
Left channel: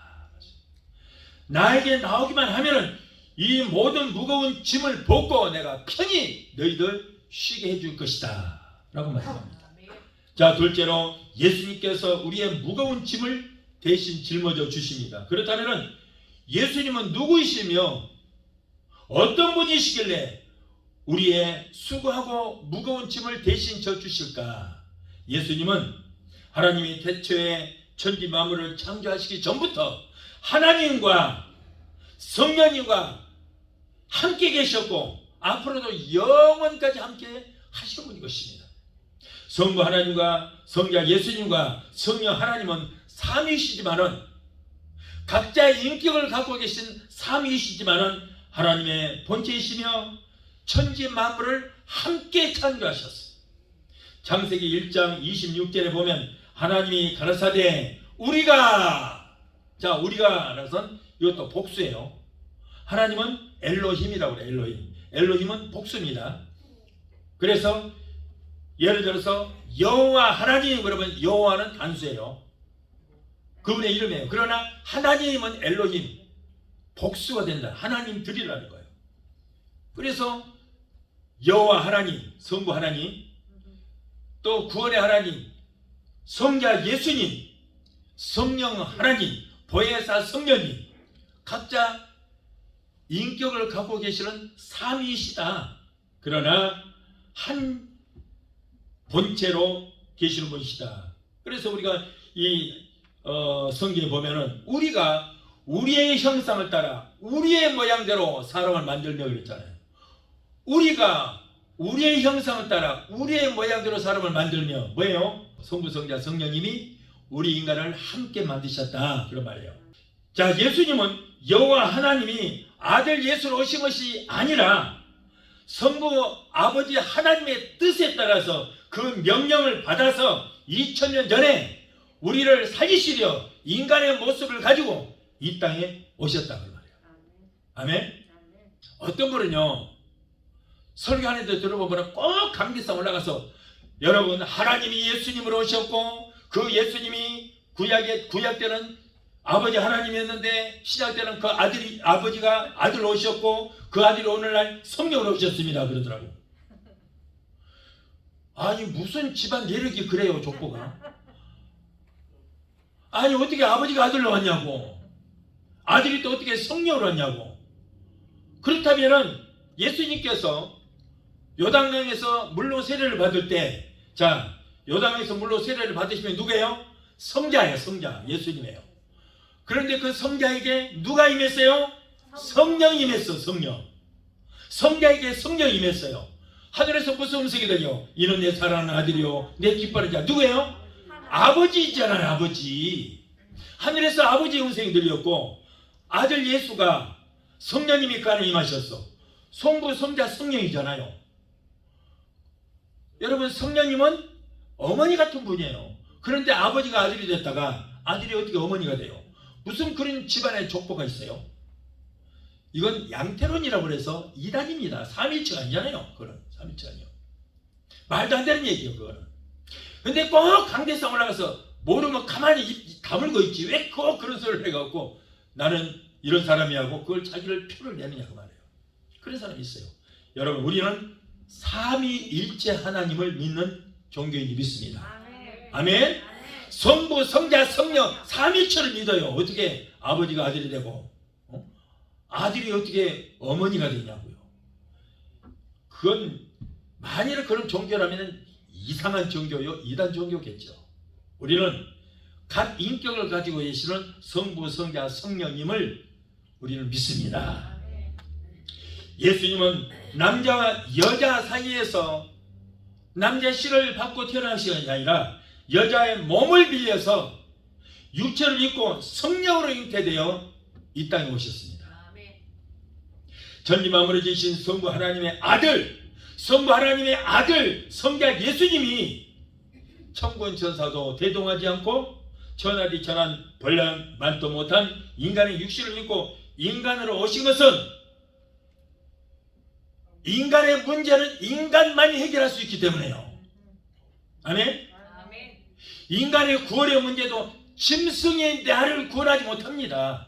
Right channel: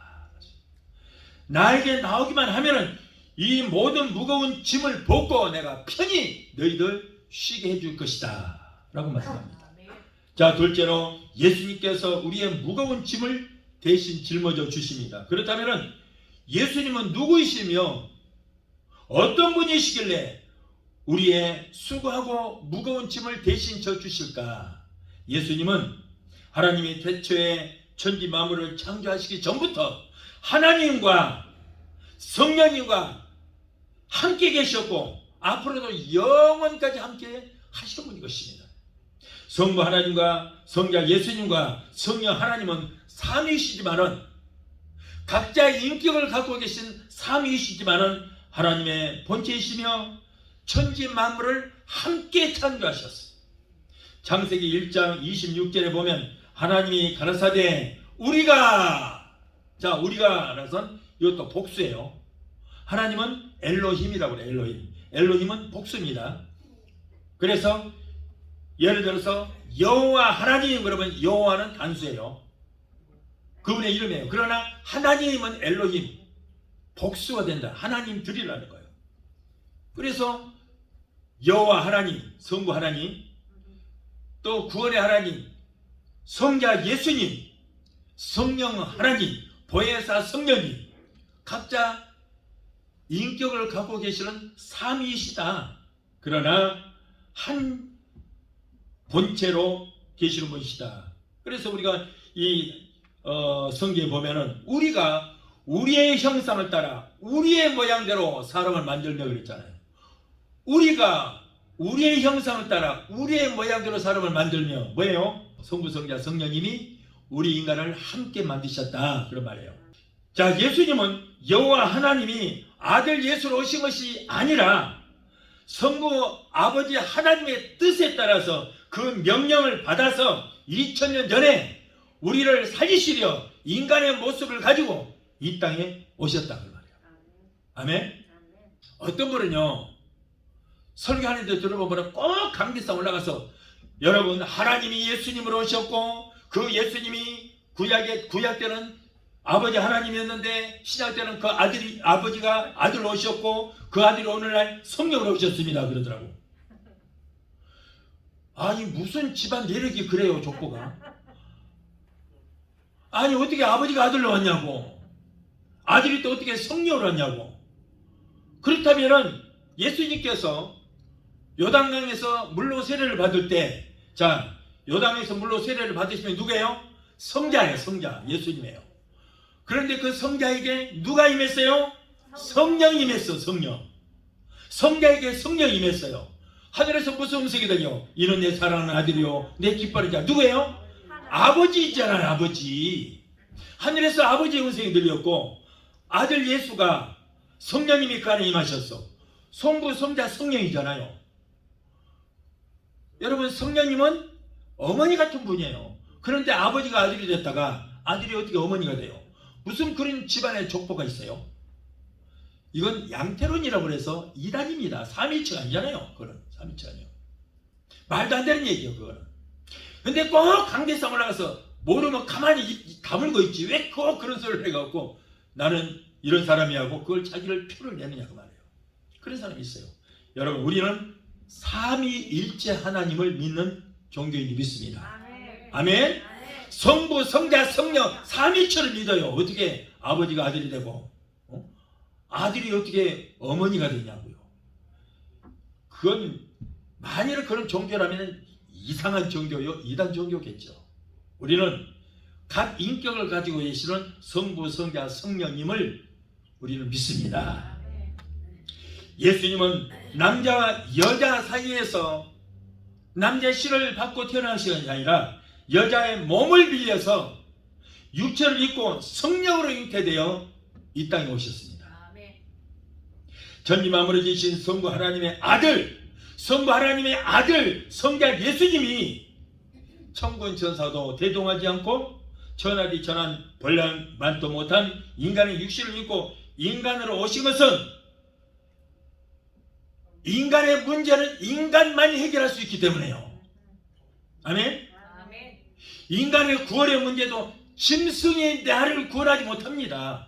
나에게 나오기만 하면 이 모든 무거운 짐을 벗고 내가 편히 너희들 쉬게 해줄 것이다 라고 말합니다. 자, 둘째로 예수님께서 우리의 무거운 짐을 대신 짊어져 주십니다. 그렇다면 예수님은 누구이시며 어떤 분이시길래 우리의 수고하고 무거운 짐을 대신 져 주실까? 예수님은 하나님이 태초에 천지 만물을 창조하시기 전부터 하나님과 성령님과 함께 계셨고 앞으로도 영원까지 함께 하실 분인 것입니다. 성부 하나님과 성자 예수님과 성령 하나님은 삼위이시지만은 각자의 인격을 갖고 계신 삼위이시지만은 하나님의 본체이시며 천지 만물을 함께 창조하셨어요. 창세기 1장 26절에 보면 하나님이 가라사대 우리가, 자, 우리가 라는 것은 이것도 복수예요. 하나님은 엘로힘이라고 그래요. 엘로힘. 엘로힘은 복수입니다. 그래서 예를 들어서 여호와 하나님, 그러면 여호와는 단수예요. 그분의 이름이에요. 그러나 하나님은 엘로힘, 복수가 된다. 하나님들이라는 거예요. 그래서 여호와 하나님, 성부 하나님, 또 구원의 하나님, 성자 예수님, 성령 하나님, 보혜사 성령님, 각자 인격을 갖고 계시는 삼위이시다. 그러나 한 본체로 계시는 분이시다. 그래서 우리가 이 성경에 보면은 우리가 우리의 형상을 따라 우리의 모양대로 사람을 만들려고 그랬잖아요. 우리가 우리의 형상을 따라 우리의 모양대로 사람을 만들며 뭐예요? 성부, 성자, 성령님이 우리 인간을 함께 만드셨다 그런 말이에요. 자, 예수님은 여호와 하나님이 아들 예수로 오신 것이 아니라 성부 아버지 하나님의 뜻에 따라서 그 명령을 받아서 2000년 전에 우리를 살리시려 인간의 모습을 가지고 이 땅에 오셨다 그 말이에요. 아멘. 어떤 분은요 설교하는데 들어보면 꼭 감기성 올라가서 여러분 하나님이 예수님으로 오셨고 그 예수님이 구약 때는 아버지 하나님이었는데 신약 때는 그 아버지가 아들로 오셨고 그 아들이 오늘날 성령으로 오셨습니다 그러더라고. 아니 무슨 집안 내력이 그래요 족보가. 아니 어떻게 아버지가 아들로 왔냐고, 아들이 또 어떻게 성령으로 왔냐고. 그렇다면은 예수님께서 요단강에서 물로 세례를 받을 때, 자 요단강에서 물로 세례를 받으시면 누구예요? 성자예요. 성자 예수님이에요. 그런데 그 성자에게 누가 임했어요? 성령이 임했어. 성령. 성자에게 성령이 임했어요. 하늘에서 무슨 음성이 들려? 이는 내 사랑하는 아들이요 내 기뻐하는 자. 누구예요? 아버지 있잖아요. 아버지. 하늘에서 아버지의 음성이 들렸고 아들 예수가 성령님이 그 안에 임하셨어. 성부, 성자, 성령이잖아요. 여러분 성령님은 어머니 같은 분이에요. 그런데 아버지가 아들이 됐다가 아들이 어떻게 어머니가 돼요? 무슨 그런 집안의 족보가 있어요? 이건 양태론이라고 해서 이단입니다. 삼일체가 아니잖아요. 그거는 삼일체가 아니에요. 말도 안 되는 얘기예요. 그거는. 근데 꼭 강대상 올라가서 모르면 가만히 다물고 있지 왜 꼭 그런 소리를 해갖고 나는 이런 사람이 하고 그걸 자기를 표를 내느냐 그 말이에요. 그런 사람이 있어요. 여러분 우리는 삼위일체 하나님을 믿는 종교인이 믿습니다. 아멘. 성부, 성자, 성령 삼위일체를 믿어요. 어떻게 아버지가 아들이 되고 아들이 어떻게 어머니가 되냐고요. 그건 만일 그런 종교라면 이상한 종교요, 이단 종교겠죠. 우리는 각 인격을 가지고 계시는 성부, 성자, 성령님을 우리는 믿습니다. 예수님은 남자와 여자 사이에서 남자의 씨를 받고 태어나신 것이 아니라 여자의 몸을 빌려서 육체를 입고 성령으로 잉태되어 이 땅에 오셨습니다. 전림함으로 계신 성부 하나님의 아들, 성부 하나님의 아들 성자 예수님이 천군 천사도 대동하지 않고 천하디 천한 벌만도 못한 인간의 육신을 입고 인간으로 오신 것은 인간의 문제는 인간만이 해결할 수 있기 때문에요. 아멘? 인간의 구원의 문제도 짐승의 나를 구원하지 못합니다.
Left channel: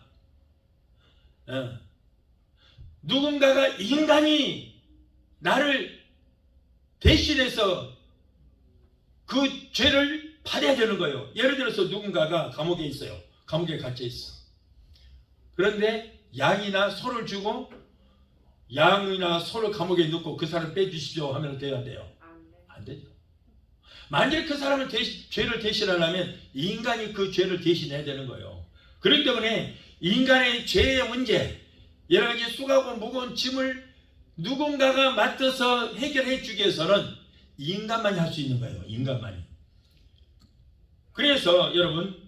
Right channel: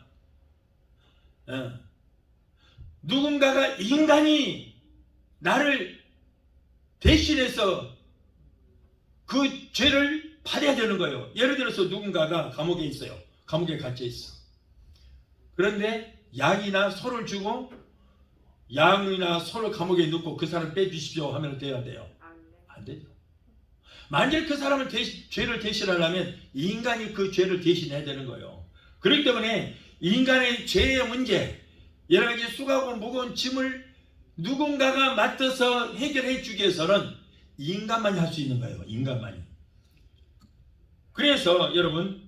누군가가 인간이 나를 대신해서 그 죄를 받아야 되는 거예요. 예를 들어서 누군가가 감옥에 있어요. 감옥에 갇혀 있어. 그런데 양이나 소를 주고 양이나 소를 감옥에 넣고 그 사람 빼주십시오 하면 돼야 돼요? 안 되죠. 만일 그 사람을 죄를 대신하려면 인간이 그 죄를 대신해야 되는 거예요. 그렇기 때문에 인간의 죄의 문제, 여러 가지 수고하고 무거운 짐을 누군가가 맡아서 해결해 주기 위해서는 인간만이 할 수 있는 거예요. 인간만이. 그래서 여러분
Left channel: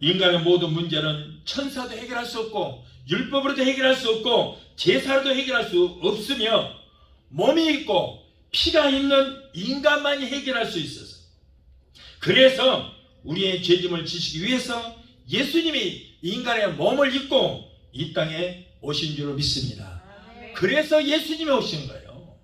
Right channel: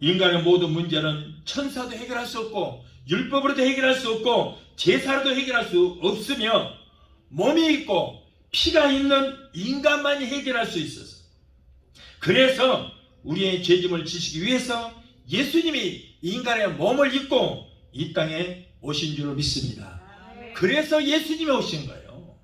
인간의 모든 문제는 천사도 해결할 수 없고 율법으로도 해결할 수 없고 제사로도 해결할 수 없으며 몸이 있고 피가 있는 인간만이 해결할 수 있어서, 그래서 우리의 죄짐을 지시기 위해서 예수님이 인간의 몸을 입고 이 땅에 오신 줄로 믿습니다. 그래서 예수님이 오신 거예요.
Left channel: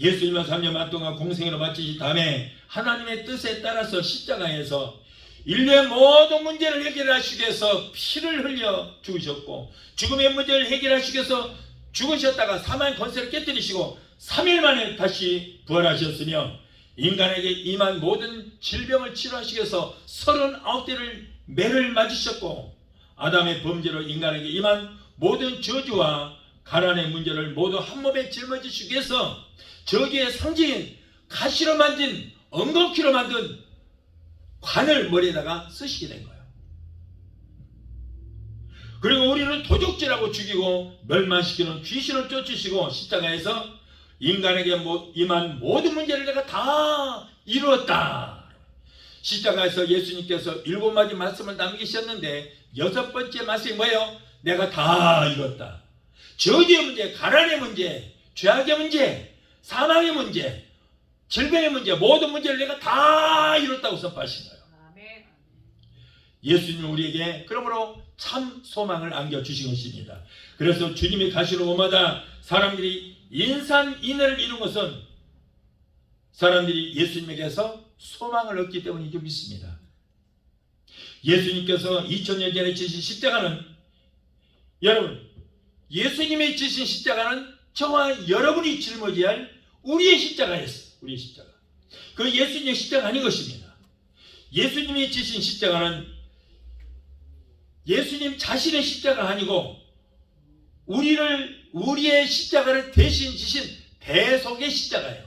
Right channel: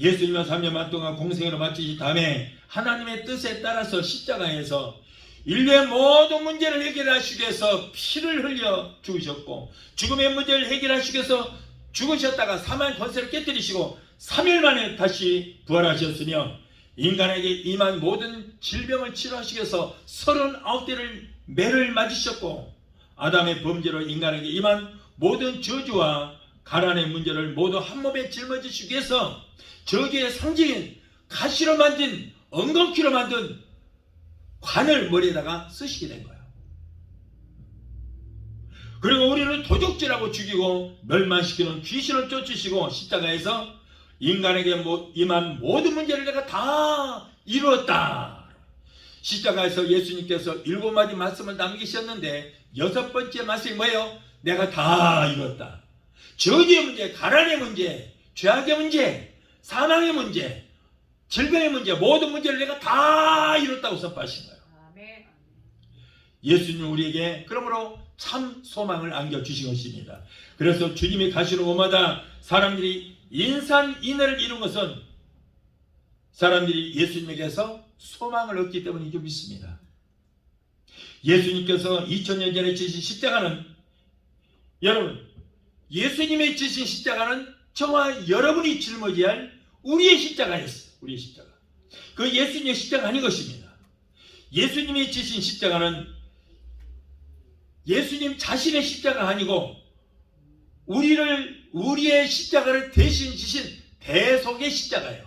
예수님은 3년 반 동안 공생애를 마치신 다음에 하나님의 뜻에 따라서 십자가에서 인류의 모든 문제를 해결하시기 위해서 피를 흘려 죽으셨고 죽음의 문제를 해결하시기 위해서 죽으셨다가 사망의 권세를 깨뜨리시고 3일 만에 다시 부활하셨으며 인간에게 임한 모든 질병을 치료하시기 위해서 39대를 매를 맞으셨고 아담의 범죄로 인간에게 임한 모든 저주와 가난의 문제를 모두 한 몸에 짊어지시기 위해서 저주의 상징인 가시로 만든 엉겅퀴로 만든 관을 머리에다가 쓰시게 된 거예요. 그리고 우리를 도적질하고 죽이고 멸망시키는 귀신을 쫓으시고 십자가에서 인간에게 임한 모든 문제를 내가 다 이루었다. 십자가에서 예수님께서 7마디 말씀을 남기셨는데 6번째 말씀이 뭐예요? 내가 다 이뤘다. 저주의 문제, 가난의 문제, 죄악의 문제, 사망의 문제, 질병의 문제, 모든 문제를 내가 다 이뤘다고 선포하신 거예요. 예수님은 우리에게 그러므로 참 소망을 안겨주신 것입니다. 그래서 주님이 가시는 곳마다 사람들이 인산인해를 이룬 것은 사람들이 예수님에게서 소망을 얻기 때문인 줄 믿습니다. 예수님께서 2000년 전에 지신 십자가는, 여러분, 예수님이 지신 십자가는 저와 여러분이 짊어져야 할 우리의 십자가였어요. 우리의 십자가. 그 예수님의 십자가 아닌 것입니다. 예수님이 지신 십자가는 예수님 자신의 십자가 아니고 우리의 십자가를 대신 지신 대속의 십자가예요.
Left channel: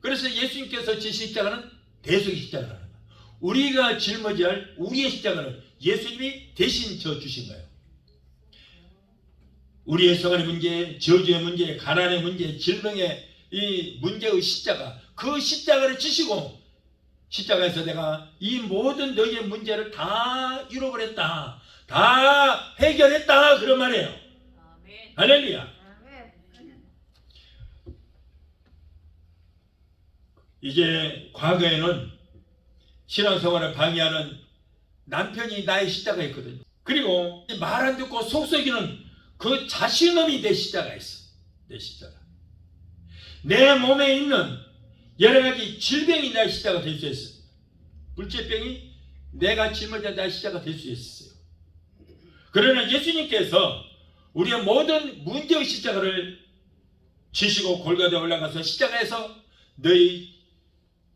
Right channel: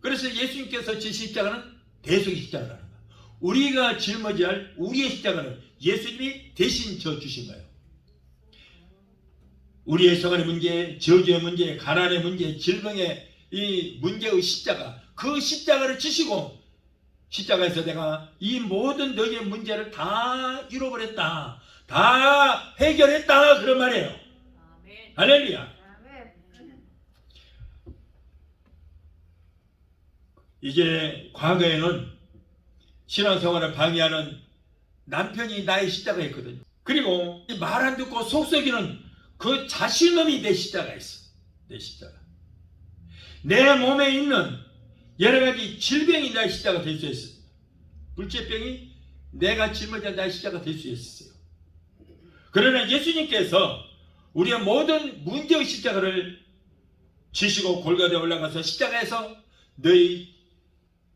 그래서 예수님께서 지신 십자가는 대속의 십자가라는 거예요. 우리가 짊어져야 할 우리의 십자가는 예수님이 대신 져 주신 거예요. 우리의 생활의 문제, 저주의 문제, 가난의 문제, 질병의 이 문제의 십자가, 그 십자가를 지시고 십자가에서 내가 이 모든 너희의 문제를 다 이뤄버렸다, 다 해결했다, 그런 말이에요. 아멘. 할렐루야. 아멘. 이제 과거에는 신앙생활을 방해하는 남편이 나의 십자가였거든요. 그리고 말 안 듣고 속썩이는 그 자신감이 내 십자가였어. 내 십자가. 내 몸에 있는 여러 가지 질병이 나의 십자가 될 수 있어요. 불치병이 내가 짊어져 나의 십자가 될 수 있었어요. 그러나 예수님께서 우리의 모든 문제의 십자가를 지시고 골고다에 올라가서 십자가에서 너희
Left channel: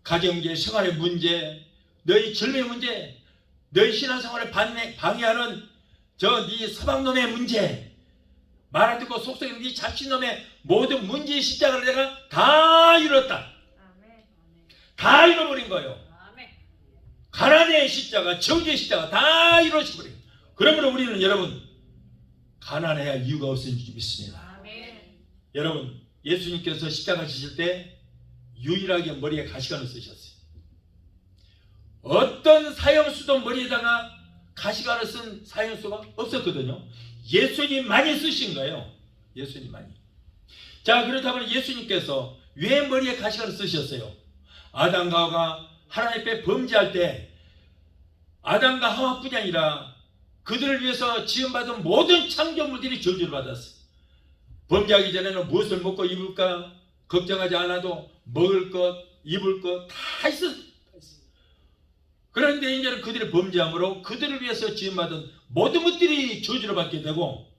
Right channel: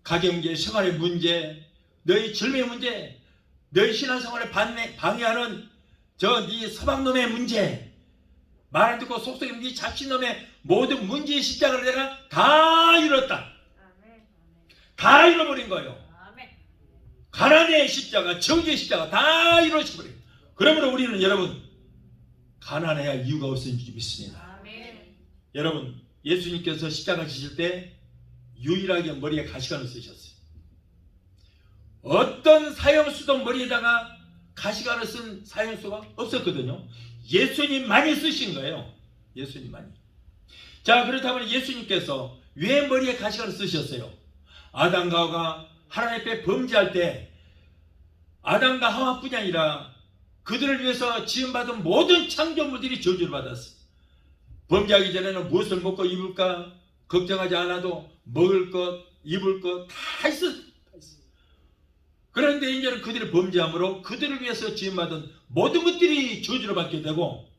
가정문제, 생활의 문제, 너희 질병의 문제, 너희 신앙생활을 방해하는 네 서방놈의 문제, 말 안 듣고 속썩이는 네 자신놈의 모든 문제의 십자가를 내가 다 이뤘다. 다 잃어버린 거예요. 가난의 십자가, 저주의 십자가 다 이루어져버린 거예요. 그러므로 우리는 여러분 가난해야 할 이유가 없는 줄 믿습니다. 여러분, 예수님께서 십자가 지실 때 유일하게 머리에 가시관을 쓰셨어요. 어떤 사형수도 머리에다가 가시관을 쓴 사형수가 없었거든요. 예수님만이 쓰신 거예요. 예수님만이. 자, 그렇다면 예수님께서 왜 머리에 가시관을 쓰셨어요? 아담과 하와가 하나님 앞에 범죄할 때 아담과 하와뿐이 아니라 그들을 위해서 지음받은 모든 창조물들이 저주를 받았어요. 범죄하기 전에는 무엇을 먹고 입을까 걱정하지 않아도 먹을 것, 입을 것 다 있었어요. 그런데 이제는 그들의 범죄함으로 그들을 위해서 지음받은 모든 것들이 저주를 받게 되고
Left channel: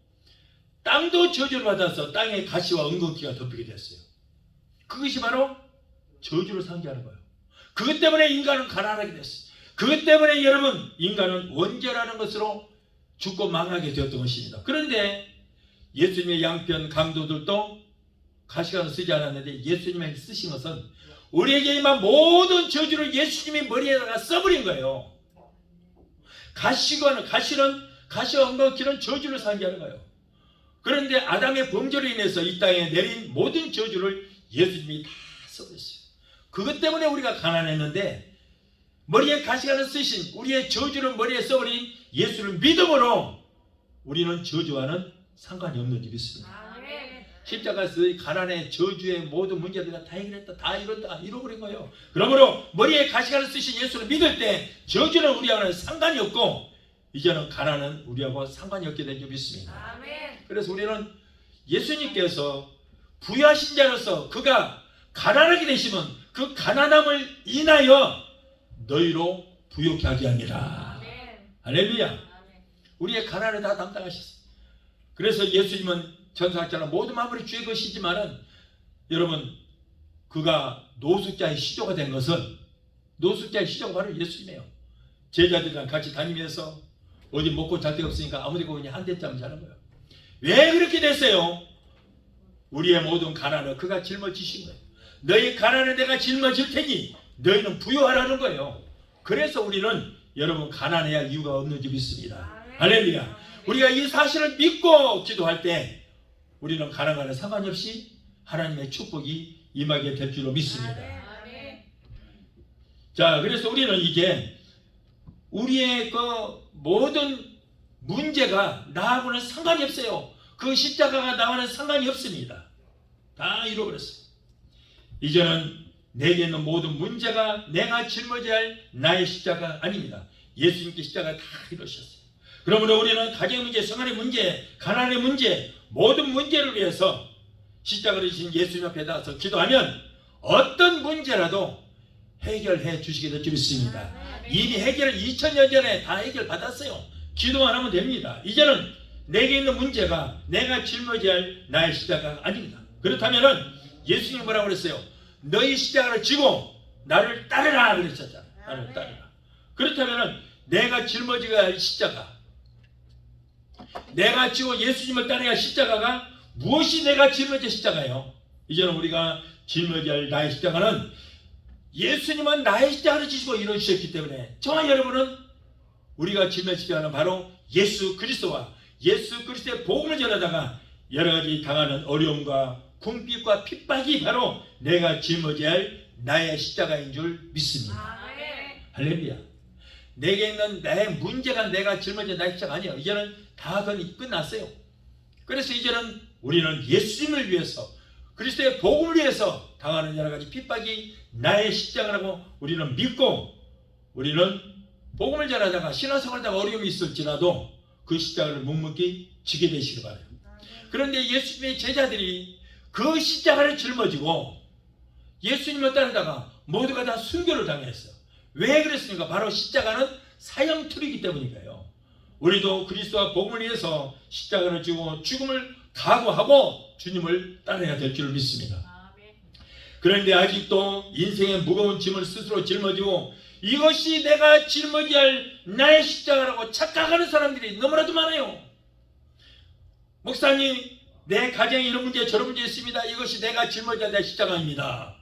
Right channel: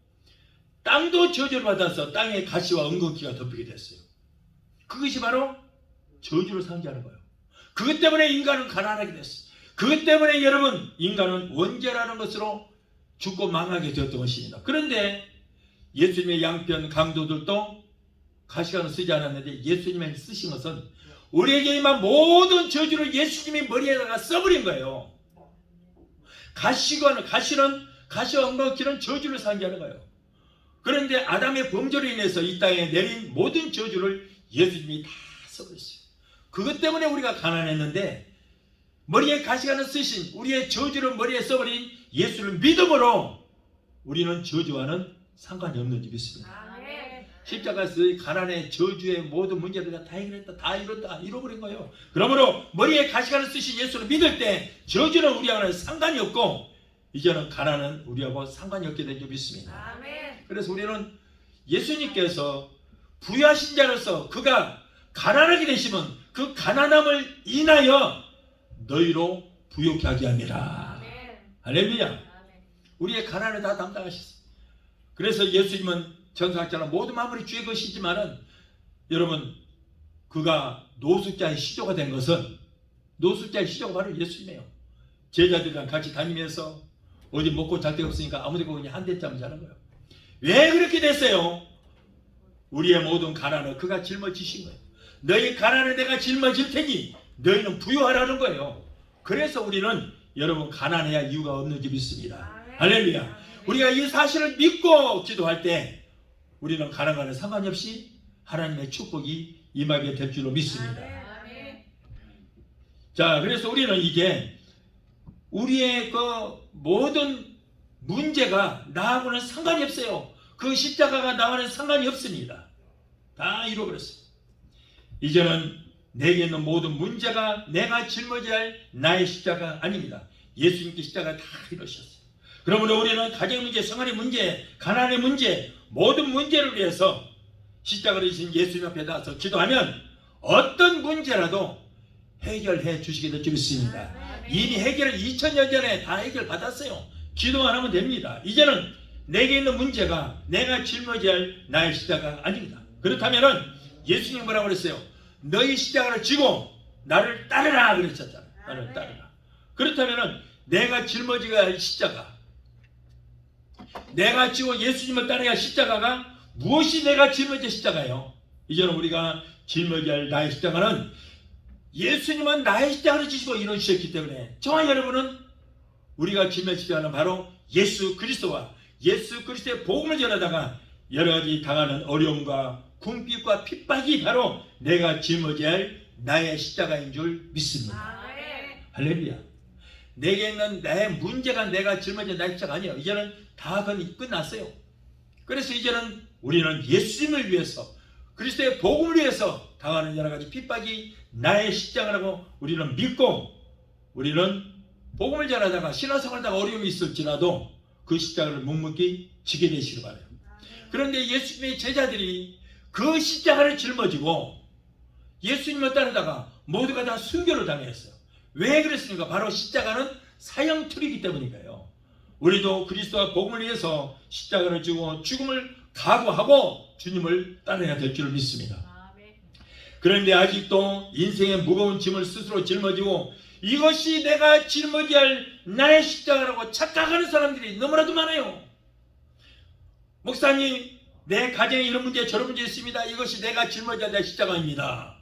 땅도 저주를 받아서 땅에 가시와 엉겅퀴가 덮이게 됐어요. 그것이 바로 저주를 상징하는 거예요. 그것 때문에 인간은 가난하게 됐어요. 그것 때문에 여러분 인간은 원죄라는 것으로 죽고 망하게 되었던 것입니다. 그런데 예수님의 양편 강도들도 가시관을 쓰지 않았는데 예수님이 쓰신 것은 우리에게 임한 모든 저주를 예수님이 머리에다가 써버린 거예요. 가시는 가시와 엉겅퀴는 저주를 상징하는 거예요. 그런데 아담의 범죄로 인해서 이 땅에 내린 모든 저주를 예수님이 다 써버렸어요. 그것 때문에 우리가 가난했는데 머리에 가시관을 쓰신 우리의 저주를 머리에 써버린 예수를 믿음으로 우리는 저주와는 상관이 없는 줄 믿습니다. 십자가에서 가난의 저주의 모든 문제를 다 해결했다, 다 이뤘다, 이뤄버린 거예요. 그러므로 머리에 가시관을 쓰신 예수를 믿을 때 저주는 우리와는 상관이 없고 이제는 가난은 우리하고 상관이 없게 된 줄 믿습니다. 아멘. 그래서 우리는 예수님께서 부유하신 자로서 그가 가난하게 되시면 그 가난함을 인하여 너희로 부욕케 하게 합니다. 아멘. 할렐루야. 아멘. 우리의 가난을 다 담당하셨어요. 그래서 예수님은 전사했잖아. 모든 만물이 주의 것이지만은 여러분 그가 노숙자의 시조가 된 것은 노숙자의 시조가 바로 예수님이에요. 제자들이랑 같이 다니면서 어디 먹고 잘 데가 없으니까 아무데 그냥 한 대쯤 자는 거예요. 왜 그렇게 됐어요? 우리의 모든 가난을 그가 짊어지신 거예요. 너희 가난을 내가 짊어질 테니 너희는 부유하라는 거예요. 그래서 우리는 여러분 가난해야 할 이유가 없는 줄 믿습니다. 할렐루야. 우리가 이 사실을 믿고 기도할 때 우리는 가난과는 상관이 없이 하나님의 축복이 임하게 될 줄로 믿습니다. 자, 그래서 우리는 이제 우리의 그 모든 문제가 나하고는 상관이 없어요. 그 십자가가 나와는 상관이 없습니다. 다 잃어버렸어요. 이제는 내게 있는 모든 문제가 내가 짊어져야 할 나의 십자가 아닙니다. 예수님께 십자가 다 이루셨어요. 그러므로 우리는 가정의 문제, 생활의 문제, 가난의 문제, 모든 문제를 위해서 십자가를 지신 예수님 앞에 나와서 기도하면 어떤 문제라도 해결해 주시게 될 줄 믿습니다. 이미 해결을 2000년 전에 다 해결받았어요. 기도만 하면 됩니다. 이제는 내게 있는 문제가 내가 짊어져야 할 나의 십자가 아닙니다. 그렇다면 예수님이 뭐라고 그랬어요? 너희 십자가를 지고 나를 따르라 그랬었잖아요. 나를 따르라. 그렇다면 내가 짊어져야 할 십자가, 내가 지고 예수님을 따라야 할 십자가가 무엇이 내가 짊어질 십자가예요? 이제는 우리가 짊어져야 할 나의 십자가는 예수님은 나의 십자가를 지시고 이루셨기 때문에 저와 여러분은 우리가 짊어질 십자가는 바로 예수 그리스도와 예수 그리스도의 복음을 전하다가 여러 가지 당하는 어려움과 궁핍과 핍박이 바로 내가 짊어져야 할 나의 십자가인 줄 믿습니다. 할렐루야. 내게 있는 나의 문제가 내가 짊어진 나의 십자가 아니에요. 이제는 다 끝났어요. 그래서 이제는 우리는 예수님을 위해서 그리스도의 복음을 위해서 당하는 여러 가지 핍박이 나의 십자가라고 우리는 믿고 우리는 복음을 전하다가 신앙생활 하다가 어려움이 있을지라도 그 십자가를 묵묵히 지게 되시기 바라요. 그런데 예수님의 제자들이 그 십자가를 짊어지고 예수님을 따르다가 모두가 다 순교를 당했어요. 왜 그랬습니까? 바로 십자가는 사형틀이기 때문이에요. 우리도 그리스도와 복음을 위해서 십자가를 지고 죽음을 각오하고 주님을 따라야 될 줄 믿습니다. 그런데 아직도 인생의 무거운 짐을 스스로 짊어지고 이것이 내가 짊어져야 할 나의 십자가라고 착각하는 사람들이 너무나도 많아요. 목사님, 내 가정에 이런 문제 저런 문제 있습니다. 이것이 내가 짊어져야 될 십자가입니다.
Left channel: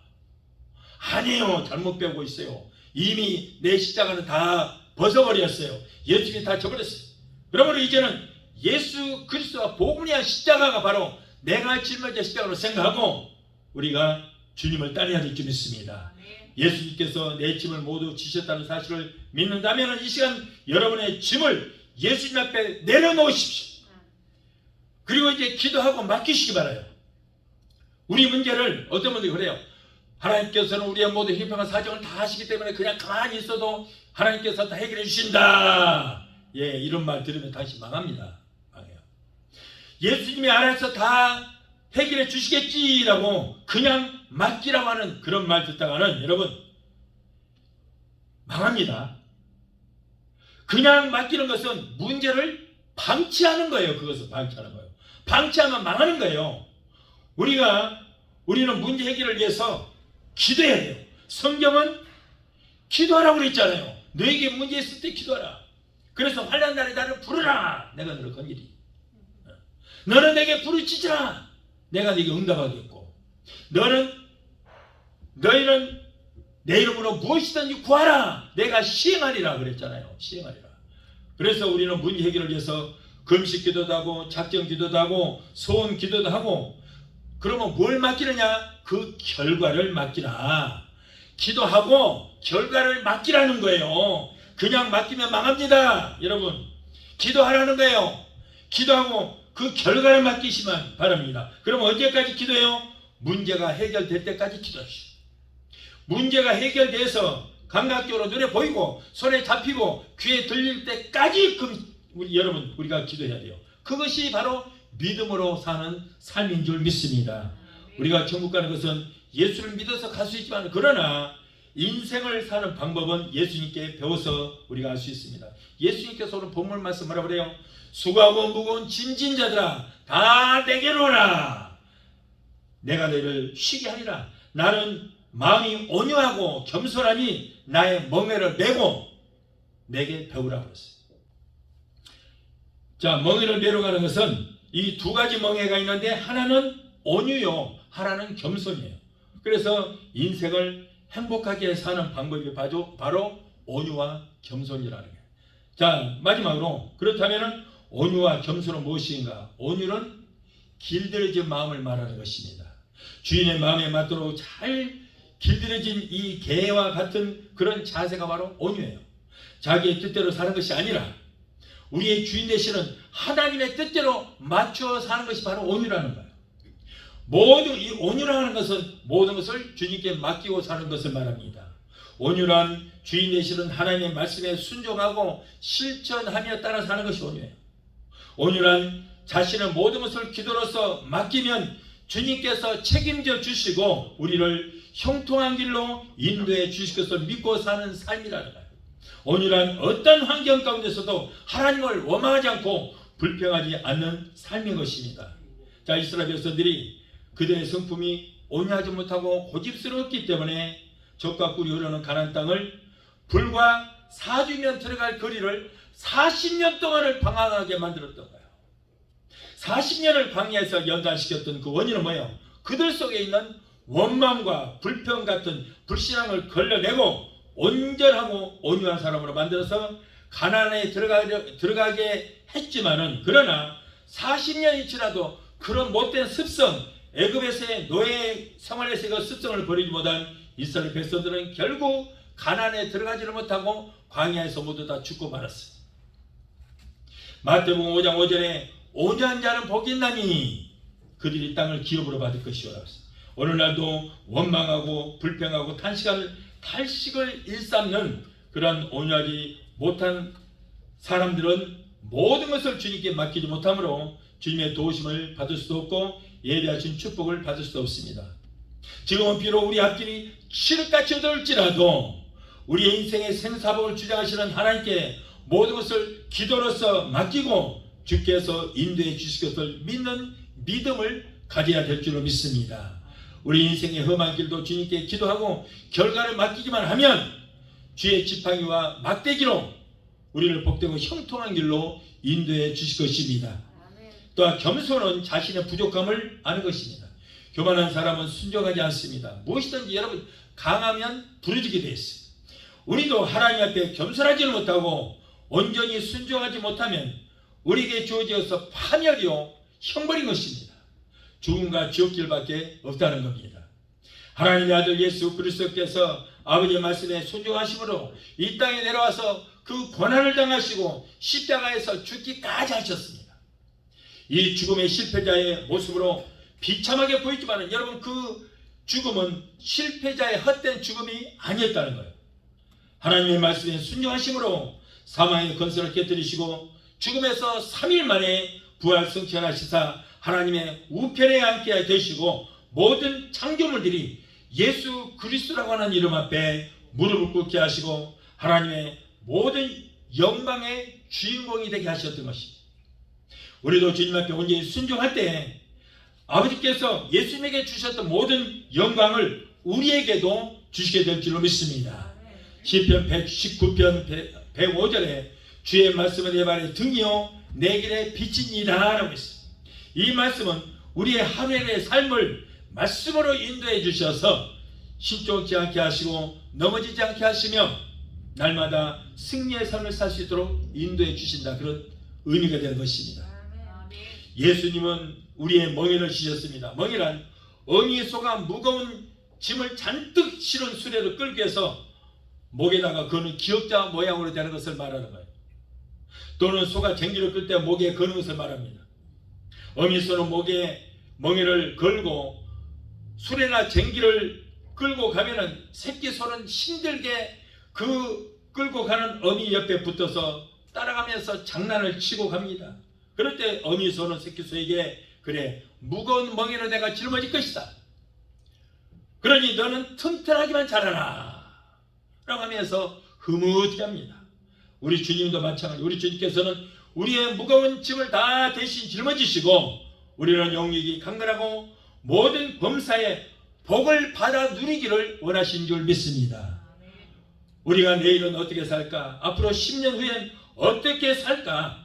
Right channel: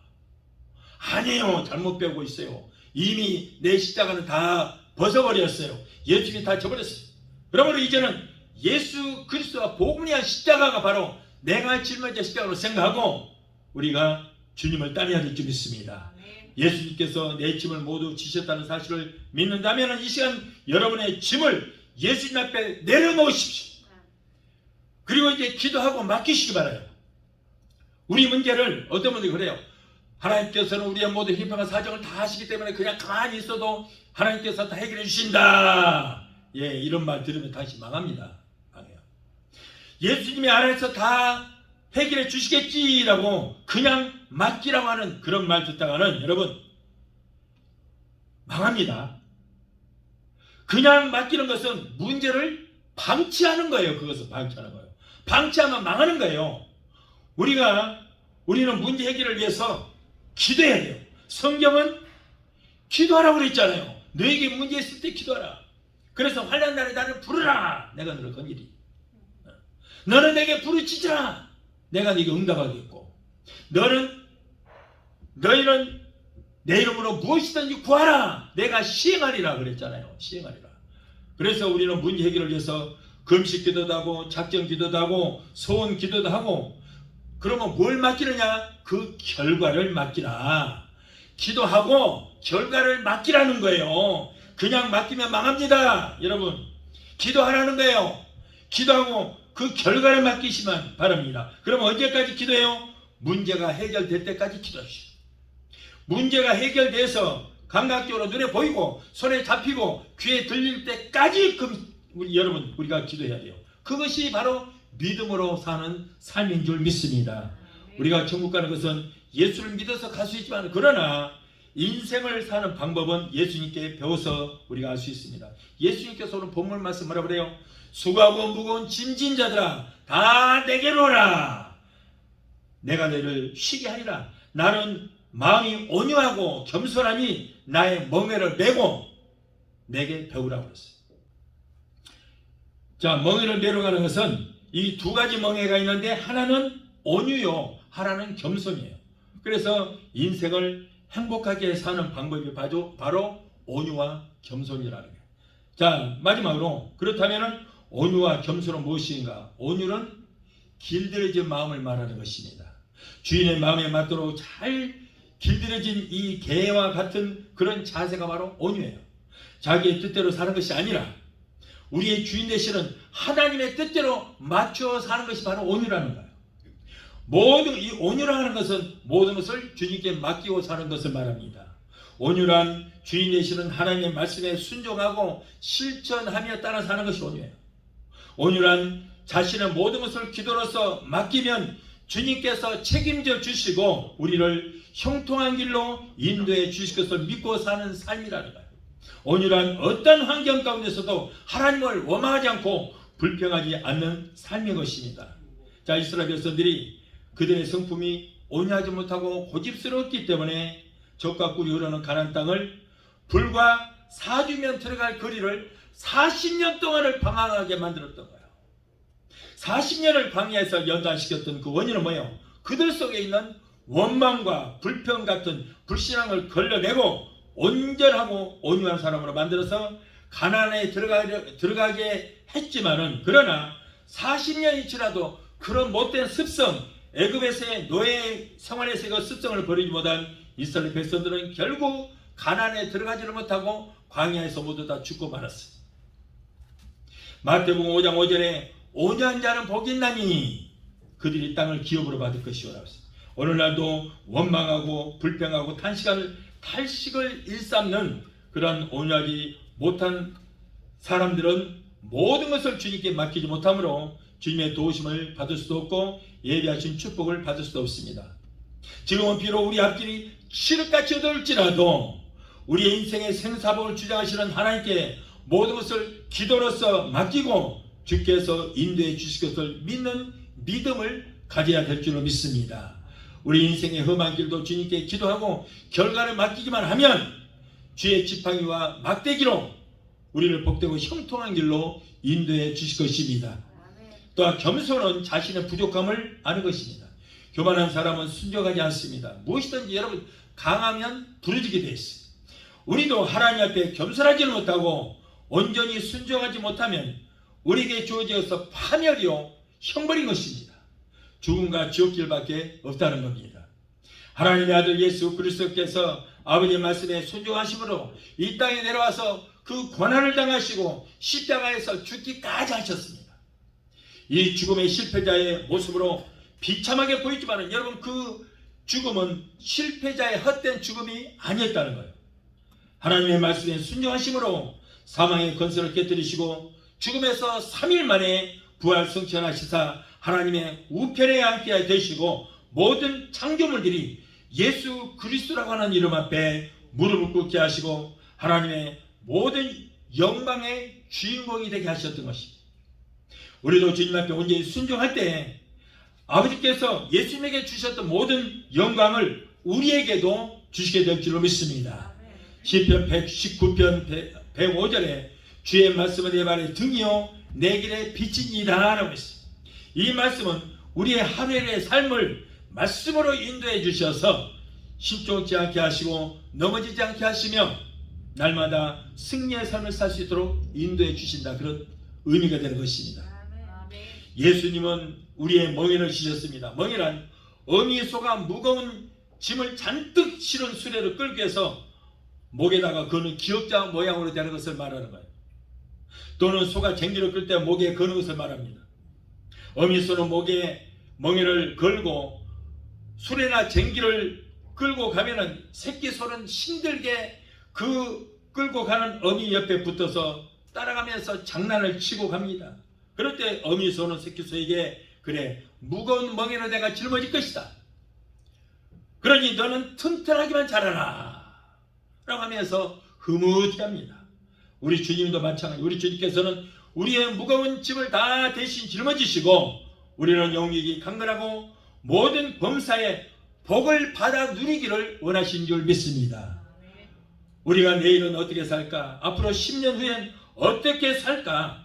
아니에요. 잘못 배우고 있어요. 이미 내 십자가는 다 벗어버렸어요. 예수님이 다 져버렸어요. 그러므로 이제는 예수 그리스도와 복음이 한 십자가가 바로 내가 짊어져야 십자가로 생각하고 우리가 주님을 따라야 될 줄 믿습니다. 예수님께서 내 짐을 모두 지셨다는 사실을 믿는다면 이 시간 여러분의 짐을 예수님 앞에 내려놓으십시오. 그리고 이제 기도하고 맡기시기 바라요. 우리 문제를 어떤 분들이 그래요. 하나님께서는 우리의 모든 형편과 사정을 다 하시기 때문에 그냥 가만히 있어도 하나님께서 다 해결해 주신다. 예, 이런 말 들으면 다시 망합니다. 망해요. 예수님이 알아서 다 해결해 주시겠지라고 그냥 맡기라고 하는 그런 말 듣다가는 여러분 망합니다. 그냥 맡기는 것은 문제를 방치하는 거예요. 그것은 방치하는 거예요. 방치하면 망하는 거예요. 우리는 문제 해결을 위해서 기도해야 돼요. 성경은 기도하라고 그랬잖아요. 너에게 문제 있을 때 기도하라. 그래서 환난 날에 나를 부르라. 내가 너를 건지리. 너는 내게 부르짖으라. 내가 네게 응답하겠고 너희는 내 이름으로 무엇이든지 구하라. 내가 시행하리라 그랬잖아요. 시행하리라. 그래서 우리는 문제 해결을 위해서 금식 기도도 하고 작정 기도도 하고 소원 기도도 하고 그러면 뭘 맡기느냐? 그 결과를 맡기라. 기도하고 결과를 맡기라는 거예요. 그냥 맡기면 망합니다. 여러분 기도하라는 거예요. 기도하고 그 결과를 맡기시면 바랍니다. 그럼 언제까지 기도해요? 문제가 해결될 때까지 기도하시오. 문제가 해결돼서 감각적으로 눈에 보이고 손에 잡히고 귀에 들릴 때까지 여러분 우리가 기도해야 돼요. 그것이 바로 믿음으로 사는 삶인 줄 믿습니다. 우리가 천국 가는 것은 예수를 믿어서 갈 수 있지만 그러나 인생을 사는 방법은 예수님께 배워서 우리가 알 수 있습니다. 예수님께서 오늘 본문 말씀 뭐라 그래요? 수고하고 무거운 짐진 자들아 다 내게로 오라. 내가 너를 쉬게 하리라. 나는 마음이 온유하고 겸손하니 나의 멍에를 메고 내게 배우라고 그랬어요. 자, 멍에를 내려가는 것은 이 두 가지 멍에가 있는데 하나는 온유요, 하나는 겸손이에요. 그래서 인생을 행복하게 사는 방법이 바로 온유와 겸손이라는 거예요. 자, 마지막으로 그렇다면 온유와 겸손은 무엇인가? 온유는 길들여진 마음을 말하는 것입니다. 주인의 마음에 맞도록 잘 길들여진 이 개와 같은 그런 자세가 바로 온유예요. 자기의 뜻대로 사는 것이 아니라 우리의 주인 되시는 하나님의 뜻대로 맞춰 사는 것이 바로 온유라는 거예요. 모든 이 온유라는 것은 모든 것을 주님께 맡기고 사는 것을 말합니다. 온유란 주인 되시는 하나님의 말씀에 순종하고 실천하며 따라 사는 것이 온유예요. 온유란 자신의 모든 것을 기도로서 맡기면 주님께서 책임져 주시고 우리를 형통한 길로 인도해 주실 것을 믿고 사는 삶이라는 거예요. 온유란 어떤 환경 가운데서도 하나님을 원망하지 않고 불평하지 않는 삶인 것입니다. 자, 이스라엘 백성들이 그들의 성품이 온유하지 못하고 고집스러웠기 때문에 적과 꿀이 흐르는 가나안 땅을 불과 4주면 들어갈 거리를 40년 동안을 방황하게 만들었던 거예요. 40년을 광야에서 연단시켰던 그 원인은 뭐예요? 그들 속에 있는 원망과 불평 같은 불신앙을 걸러내고 온전하고 온유한 사람으로 만들어서 가나안에 들어가게 했지만은, 그러나 40년이 지나도 그런 못된 습성, 애굽에서의 노예 생활에서의 그 습성을 버리지 못한 이스라엘 백성들은 결국 가나안에 들어가지를 못하고 광야에서 모두 다 죽고 말았어요. 마태복음 5장 5절에 온유한 자는 복이 있나니 그들이 땅을 기업으로 받을 것이오라고 했어요. 오늘날도 원망하고 불평하고 탈식을 일삼는 그런 온유하지 못한 사람들은 모든 것을 주님께 맡기지 못하므로 주님의 도우심을 받을 수도 없고 예비하신 축복을 받을 수도 없습니다. 지금은 비록 우리 앞길이 칠흑같이 어두울지라도 우리의 인생의 생사복을 주장하시는 하나님께 모든 것을 기도로서 맡기고 주께서 인도해 주실 것을 믿는 믿음을 가져야 될 줄로 믿습니다. 우리 인생의 험한 길도 주님께 기도하고 결과를 맡기기만 하면 주의 지팡이와 막대기로 우리를 복되고 형통한 길로 인도해 주실 것입니다. 또한 겸손은 자신의 부족함을 아는 것입니다. 교만한 사람은 순종하지 않습니다. 무엇이든지 여러분 강하면 부러지게 되어 있습니다. 우리도 하나님 앞에 겸손하지 못하고 온전히 순종하지 못하면 우리에게 주어져서 파멸이요 형벌인 것입니다. 죽음과 지옥길밖에 없다는 겁니다. 하나님의 아들 예수 그리스도께서 아버지의 말씀에 순종하심으로 이 땅에 내려와서 그 고난을 당하시고 십자가에서 죽기까지 하셨습니다. 이 죽음의 실패자의 모습으로 비참하게 보이지만 여러분, 그 죽음은 실패자의 헛된 죽음이 아니었다는 거예요. 하나님의 말씀에 순종하심으로 사망의 권세를 깨뜨리시고 죽음에서 3일 만에 부활 성취하시사 하나님의 우편에 앉게 되시고 모든 창조물들이 예수 그리스도라고 하는 이름 앞에 무릎을 꿇게 하시고 하나님의 모든 영광의 주인공이 되게 하셨던 것입니다. 우리도 주님 앞에 온전히 순종할 때 아버지께서 예수님에게 주셨던 모든 영광을 우리에게도 주시게 될 줄로 믿습니다. 시편 119편 105절에 주의 말씀은 내 발의 등이요 내 길의 빛이니이다 라고 했습니다. 이 말씀은 우리의 하루의 삶을 말씀으로 인도해 주셔서 신종치 않게 하시고 넘어지지 않게 하시며 날마다 승리의 삶을 살 수 있도록 인도해 주신다, 그런 의미가 되는 것입니다. 예수님은 우리의 멍에를 지셨습니다. 멍에란 어미 소가 무거운 짐을 잔뜩 실은 수레를 끌기 위해서 목에다가 거는 기역자 모양으로 되는 것을 말하는 거예요. 또는 소가 쟁기를 끌 때 목에 거는 것을 말합니다. 어미 소는 목에 멍에를 걸고 수레나 쟁기를 끌고 가면은 새끼 소는 힘들게 그 끌고 가는 어미 옆에 붙어서 따라가면서 장난을 치고 갑니다. 그럴 때 어미 소는 새끼 소에게 그래, 무거운 멍에를 내가 짊어질 것이다. 그러니 너는 튼튼하기만 잘하라 라고 하면서 흐뭇해 합니다. 우리 주님도 마찬가지. 우리 주님께서는 우리의 무거운 짐을 다 대신 짊어지시고 우리는 용력이 강건하고 모든 범사에 복을 받아 누리기를 원하신 줄 믿습니다. 우리가 내일은 어떻게 살까? 앞으로 10년 후엔 어떻게 살까?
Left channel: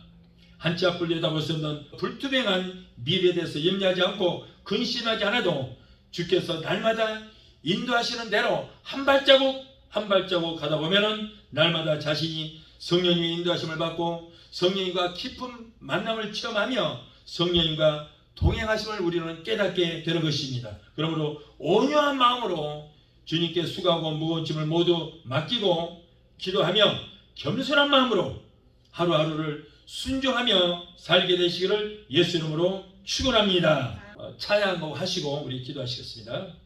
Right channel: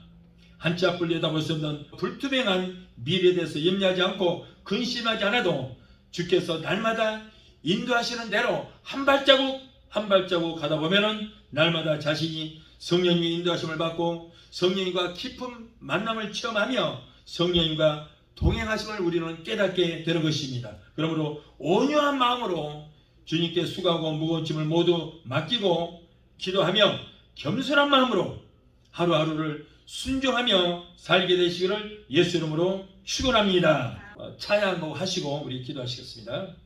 한치 앞을 내다볼 수 없는 불투명한 미래에 대해서 염려하지 않고 근심하지 않아도 주께서 날마다 인도하시는 대로 한 발자국 한 발자국 가다 보면은 날마다 자신이 성령님의 인도하심을 받고 성령님과 깊은 만남을 체험하며 성령님과 동행하심을 우리는 깨닫게 되는 것입니다. 그러므로 온유한 마음으로 주님께 수고하고 무거운 짐을 모두 맡기고 기도하며 겸손한 마음으로 하루하루를 순종하며 살게 되시기를 예수 이름으로 축원합니다. 찬양곡 하시고 우리 기도하시겠습니다.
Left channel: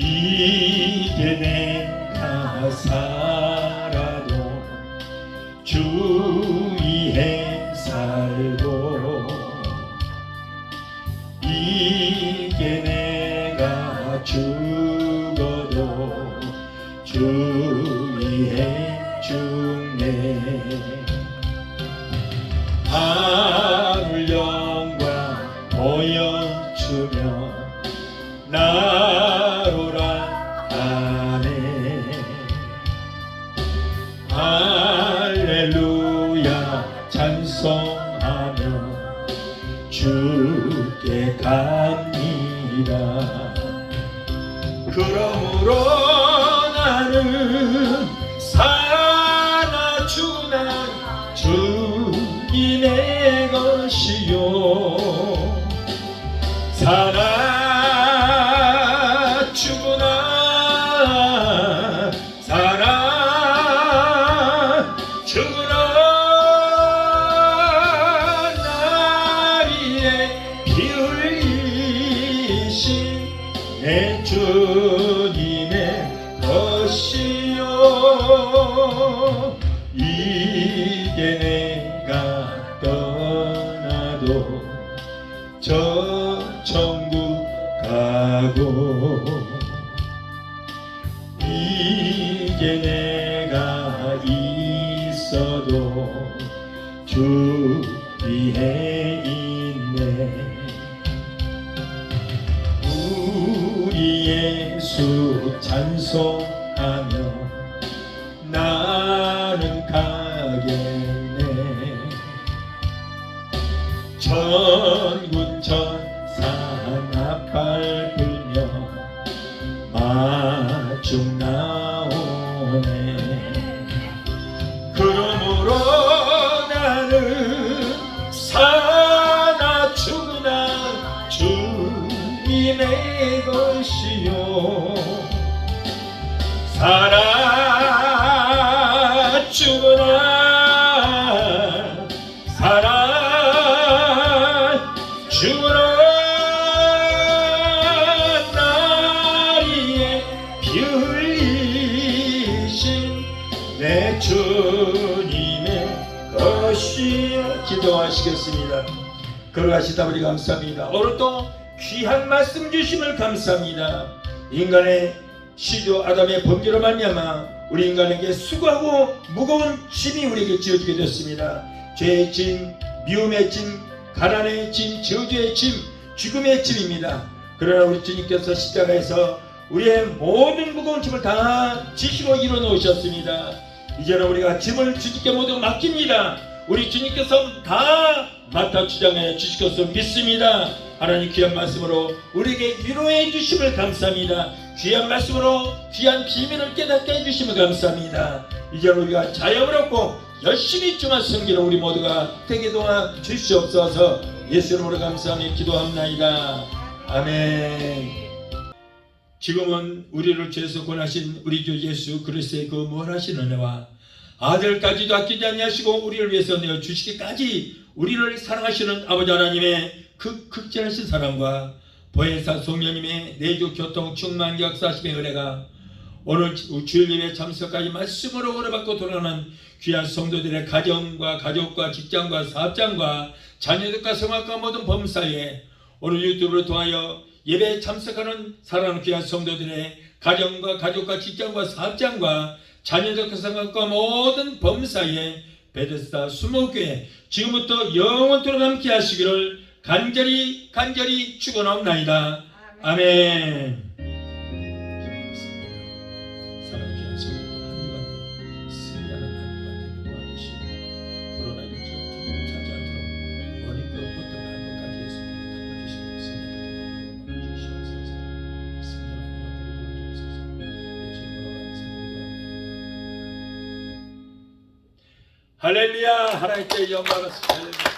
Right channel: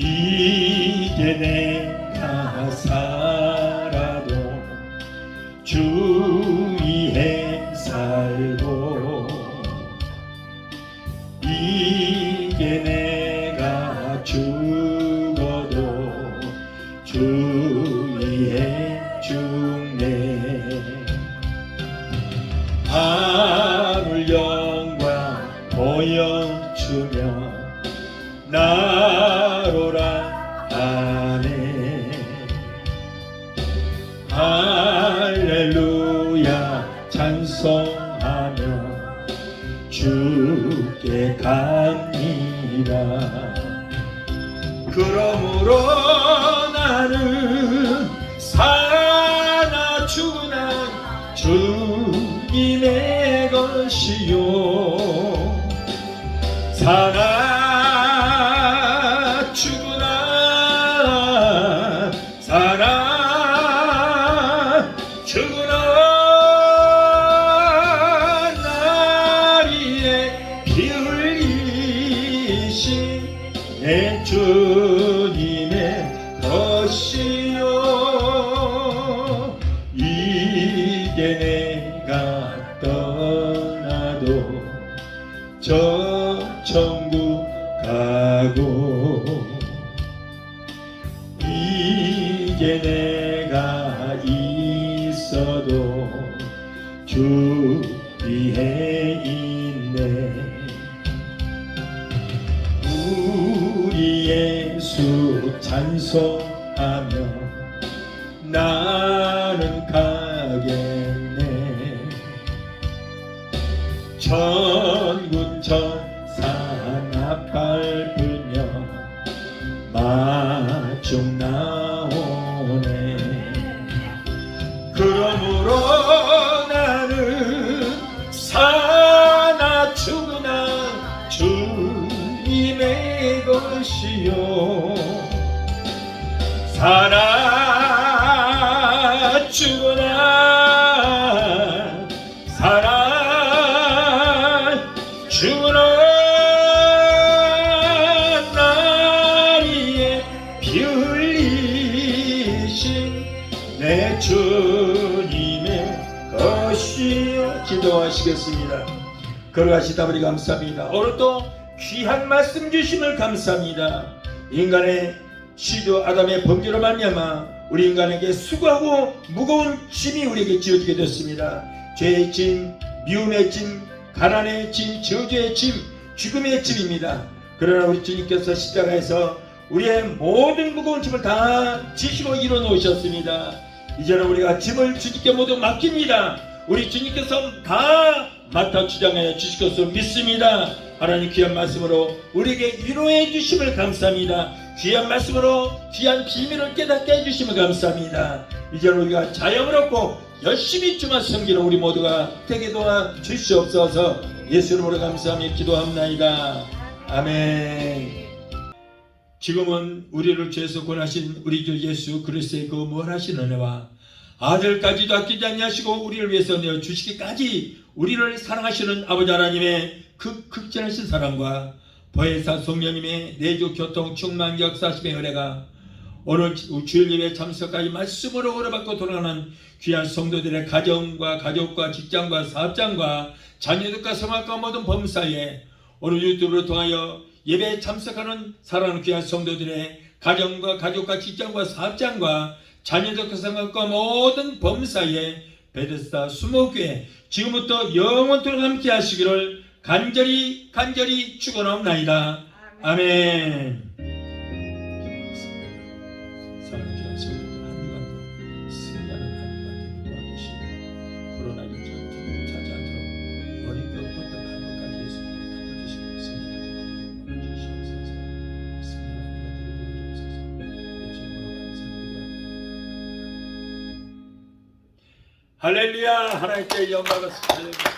이제 내가 살아도 주 위에 살고 이제 내가 죽어도 주 위에 죽네. 하늘 영광 보여주며 나로라 하네. 할렐루야 찬송하며 주께 갑니다. 그러므로 나는 사나 죽으나 주님의 것이요 살아 죽으나 살아 죽으나 나리에 피 흘리신 내 주님의 것이요 이제 내가 떠나도 저 천국 가고 이제 내가 있어도 주 위에 있네. 우리 예수 찬송하며 나는 가겠네. 천군 천사 나팔 불며 마중 나오네. 그러므로 나는 사나 죽으나 주님의 것이요 살아 죽으나 살아 죽으나 나리에 피 흘리신 내 주님의 것이여. 기도하시겠습니다. 걸어가시다 보니 감사합니다. 오늘도 귀한 말씀 주심을 감사합니다. 인간의 시조 아담의 범죄로 말미암아 우리 인간에게 수고하고 무거운 짐이 우리에게 지어지게 됐습니다. 죄의 짐, 미움의 짐, 가난의 짐, 저주의 짐, 죽음의 짐입니다. 그러나 우리 주님께서 십자가에서 우리의 모든 무거운 짐을 다 지시고 이뤄놓으셨습니다. 이제는 우리가 짐을 주님께 모두 맡깁니다. 우리 주님께서 다 맡아 주장해 주실 것을 믿습니다. 하나님 귀한 말씀으로 우리에게 위로해 주심을 감사합니다. 귀한 말씀으로 귀한 비밀을 깨닫게 해주심을 감사합니다. 이제 우리가 자영을 얻고 열심히 중한 성기로 우리 모두가 되게 도와 주시옵소서. 예수 이름으로 감사하며 기도합나이다. 아멘. 지금은 우리를 죄에서 구원하신 우리 주 예수 그리스도의 그 무한하신 은혜와 아들까지도 아끼지 아니하시고 우리를 위해서 내어주시기까지 우리를 사랑하시는 아버지 하나님의 그 극진하신 사랑과 보혜사 성령님의 내주 교통 충만 역사하심의 은혜가 오늘 주일 예배 참석까지 말씀으로 얻어받고 돌아가는 귀한 성도들의 가정과 가족과 직장과 사업장과 자녀들과 성악과 모든 범사에 오늘 유튜브를 통하여 예배에 참석하는 사랑하는 귀한 성도들의 가정과 가족과 직장과 사업장과 자녀들과 성악과 모든 범사에 베데스다 수목교회 지금부터 영원토록 함께 하시기를 간절히 축원하옵나이다. 아멘. 사랑하는 성도들 한 주간 승리하는 한 주간 되기를 원하시고 코로나19 찾아들어 머리 할렐루야. 하나님께 영광을 할렐루야.